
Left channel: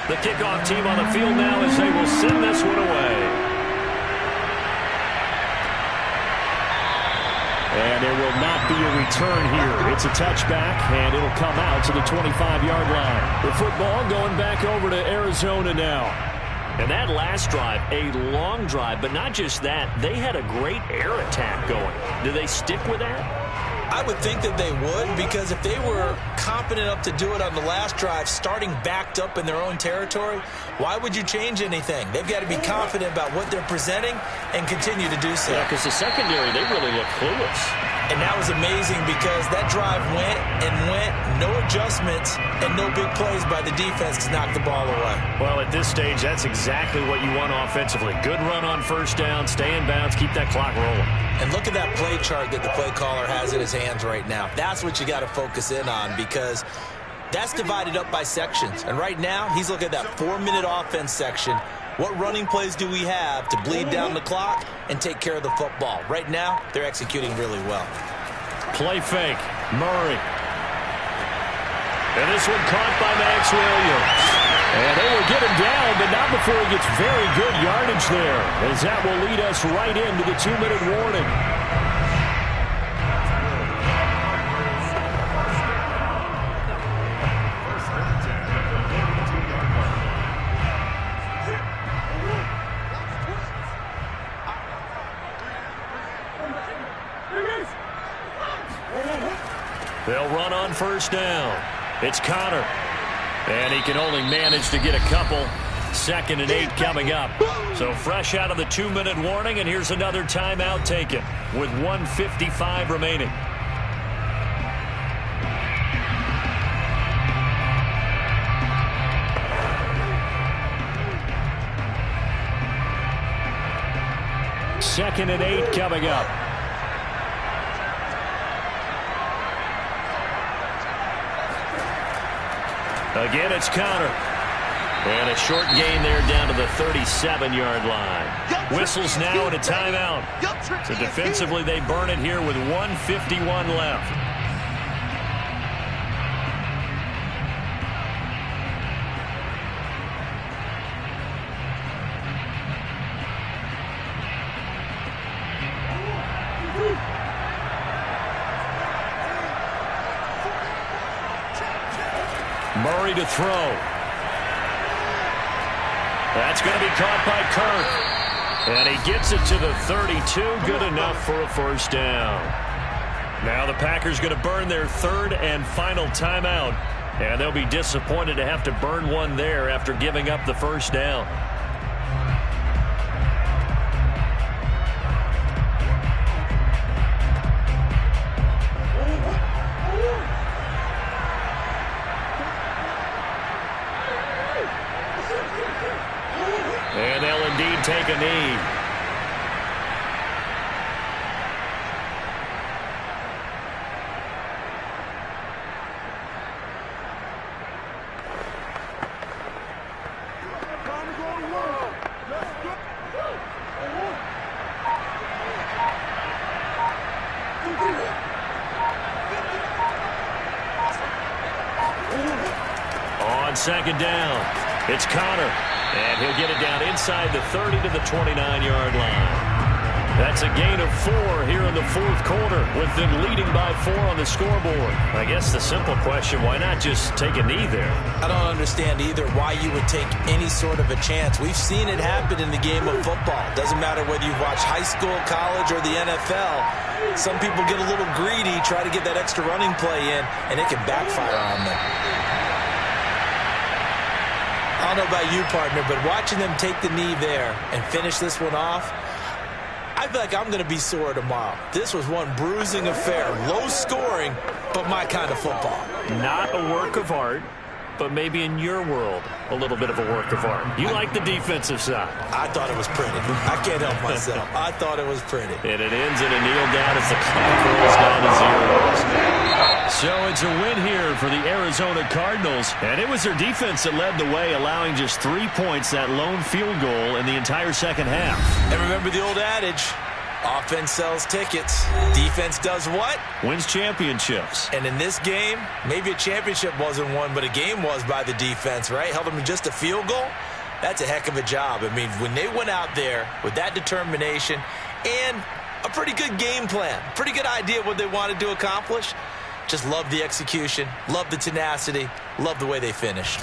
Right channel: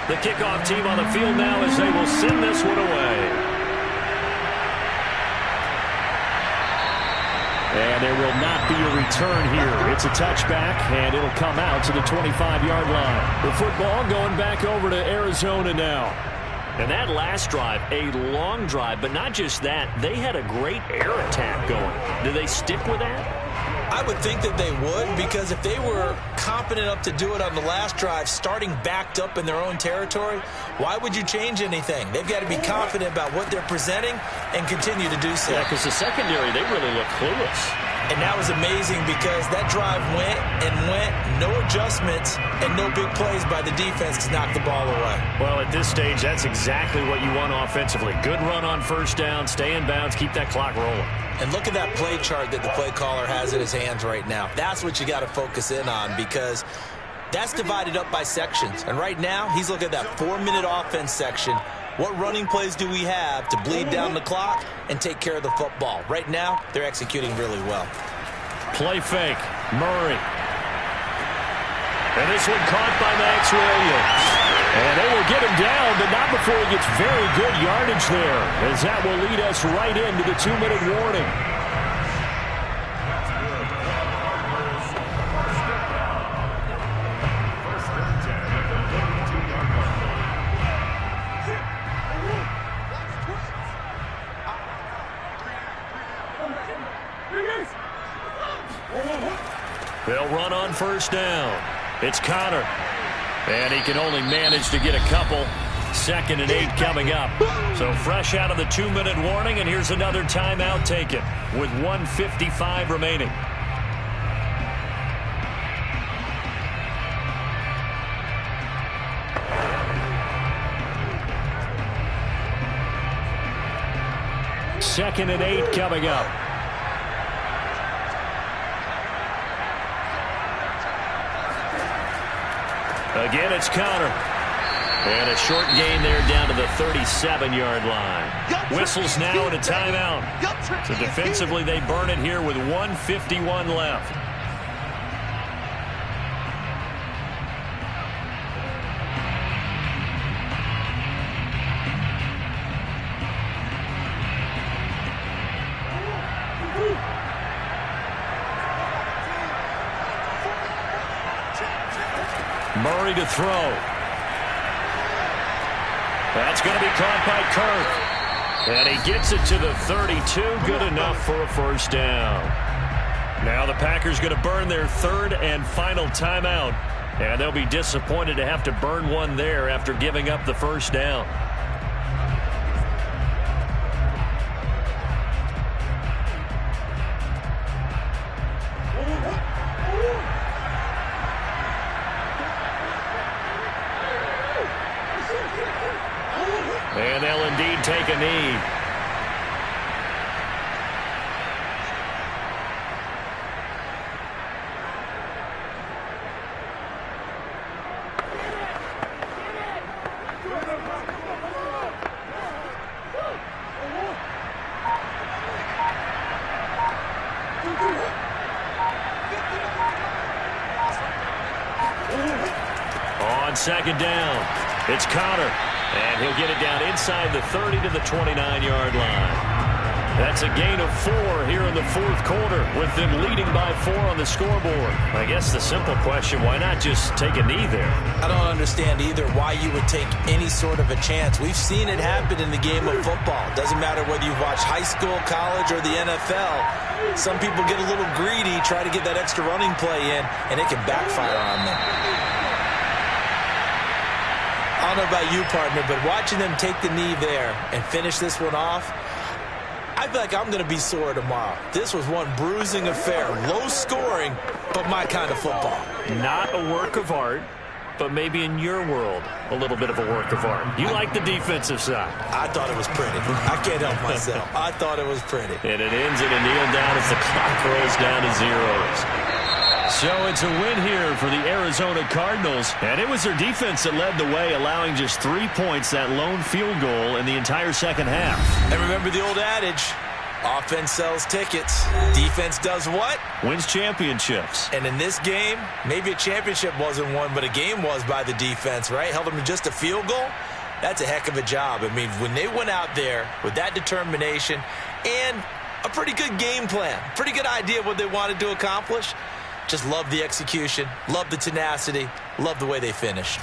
The kickoff team on the field now as they will send this one away. And there will not be a return here. It's a touchback, and it'll come out to the 25-yard line. The football going back over to Arizona now. And that last drive, a long drive, but not just that. They had a great air attack going. Do they stick with that? I would think that they would, because if they were confident enough to do it on the last drive, starting backed up in their own territory, why would you change anything? They've got to be confident about what they're presenting and continue to do so. Yeah, because the secondary, they really look clueless. And that was amazing because that drive went and went, no adjustments, and no big plays by the defense to knock the ball away. Well, at this stage, that's exactly what you want offensively. Good run on first down, stay in bounds, keep that clock rolling. And look at that play chart that the play caller has in his hands right now. That's what you got to focus in on, because that's divided up by sections. And right now, he's looking at that 4-minute offense section. What running plays do we have to bleed down the clock and take care of the football? Right now, they're executing really well. Play fake. Murray. And this one caught by Max Williams. And they will get him down, but not before he gets very good yardage there, as that will lead us right into the 2-minute warning. They'll run on first down. It's Connor. And he can only manage to get a couple. 2nd and 8 coming up. So fresh out of the 2-minute warning, and here's another timeout taken with 1:55 remaining. Second and 8 coming up. Again, it's Connor. And a short gain there down to the 37-yard line. Whistles now and a timeout. So defensively, they burn it here with 1:51 left. Murray to throw. That's going to be caught by Kirk. And he gets it to the 32. Good enough for a first down. Now the Packers going to burn their 3rd and final timeout. And they'll be disappointed to have to burn one there after giving up the first down. And they'll indeed take a knee. On second down, it's Connor, and he'll get it down inside the 30 to the 29-yard line. That's a gain of 4 here in the fourth quarter, with them leading by 4 on the scoreboard. I guess the simple question, why not just take a knee there? I don't understand either why you would take any sort of a chance. We've seen it happen in the game of football. Doesn't matter whether you've watched high school, college, or the NFL. Some people get a little greedy, try to get that extra running play in, and it can backfire on them. I don't know about you, partner, but watching them take the knee there and finish this one off, I feel like I'm going to be sore tomorrow. This was one bruising affair. Low scoring, but my kind of football. Not a work of art, but maybe in your world, a little bit of a work of art. You like the defensive side. I thought it was pretty. I can't help myself. I thought it was pretty. And it ends in a kneel down as the clock rolls down to zeros. So it's a win here for the Arizona Cardinals. And it was their defense that led the way, allowing just 3 points, that lone field goal in the entire second half. And remember the old adage, offense sells tickets. Defense does what? Wins championships. And in this game, maybe a championship wasn't won, but a game was by the defense, right? Held them to just a field goal. That's a heck of a job. I mean, when they went out there with that determination and a pretty good game plan, pretty good idea of what they wanted to accomplish, just love the execution, love the tenacity, love the way they finished.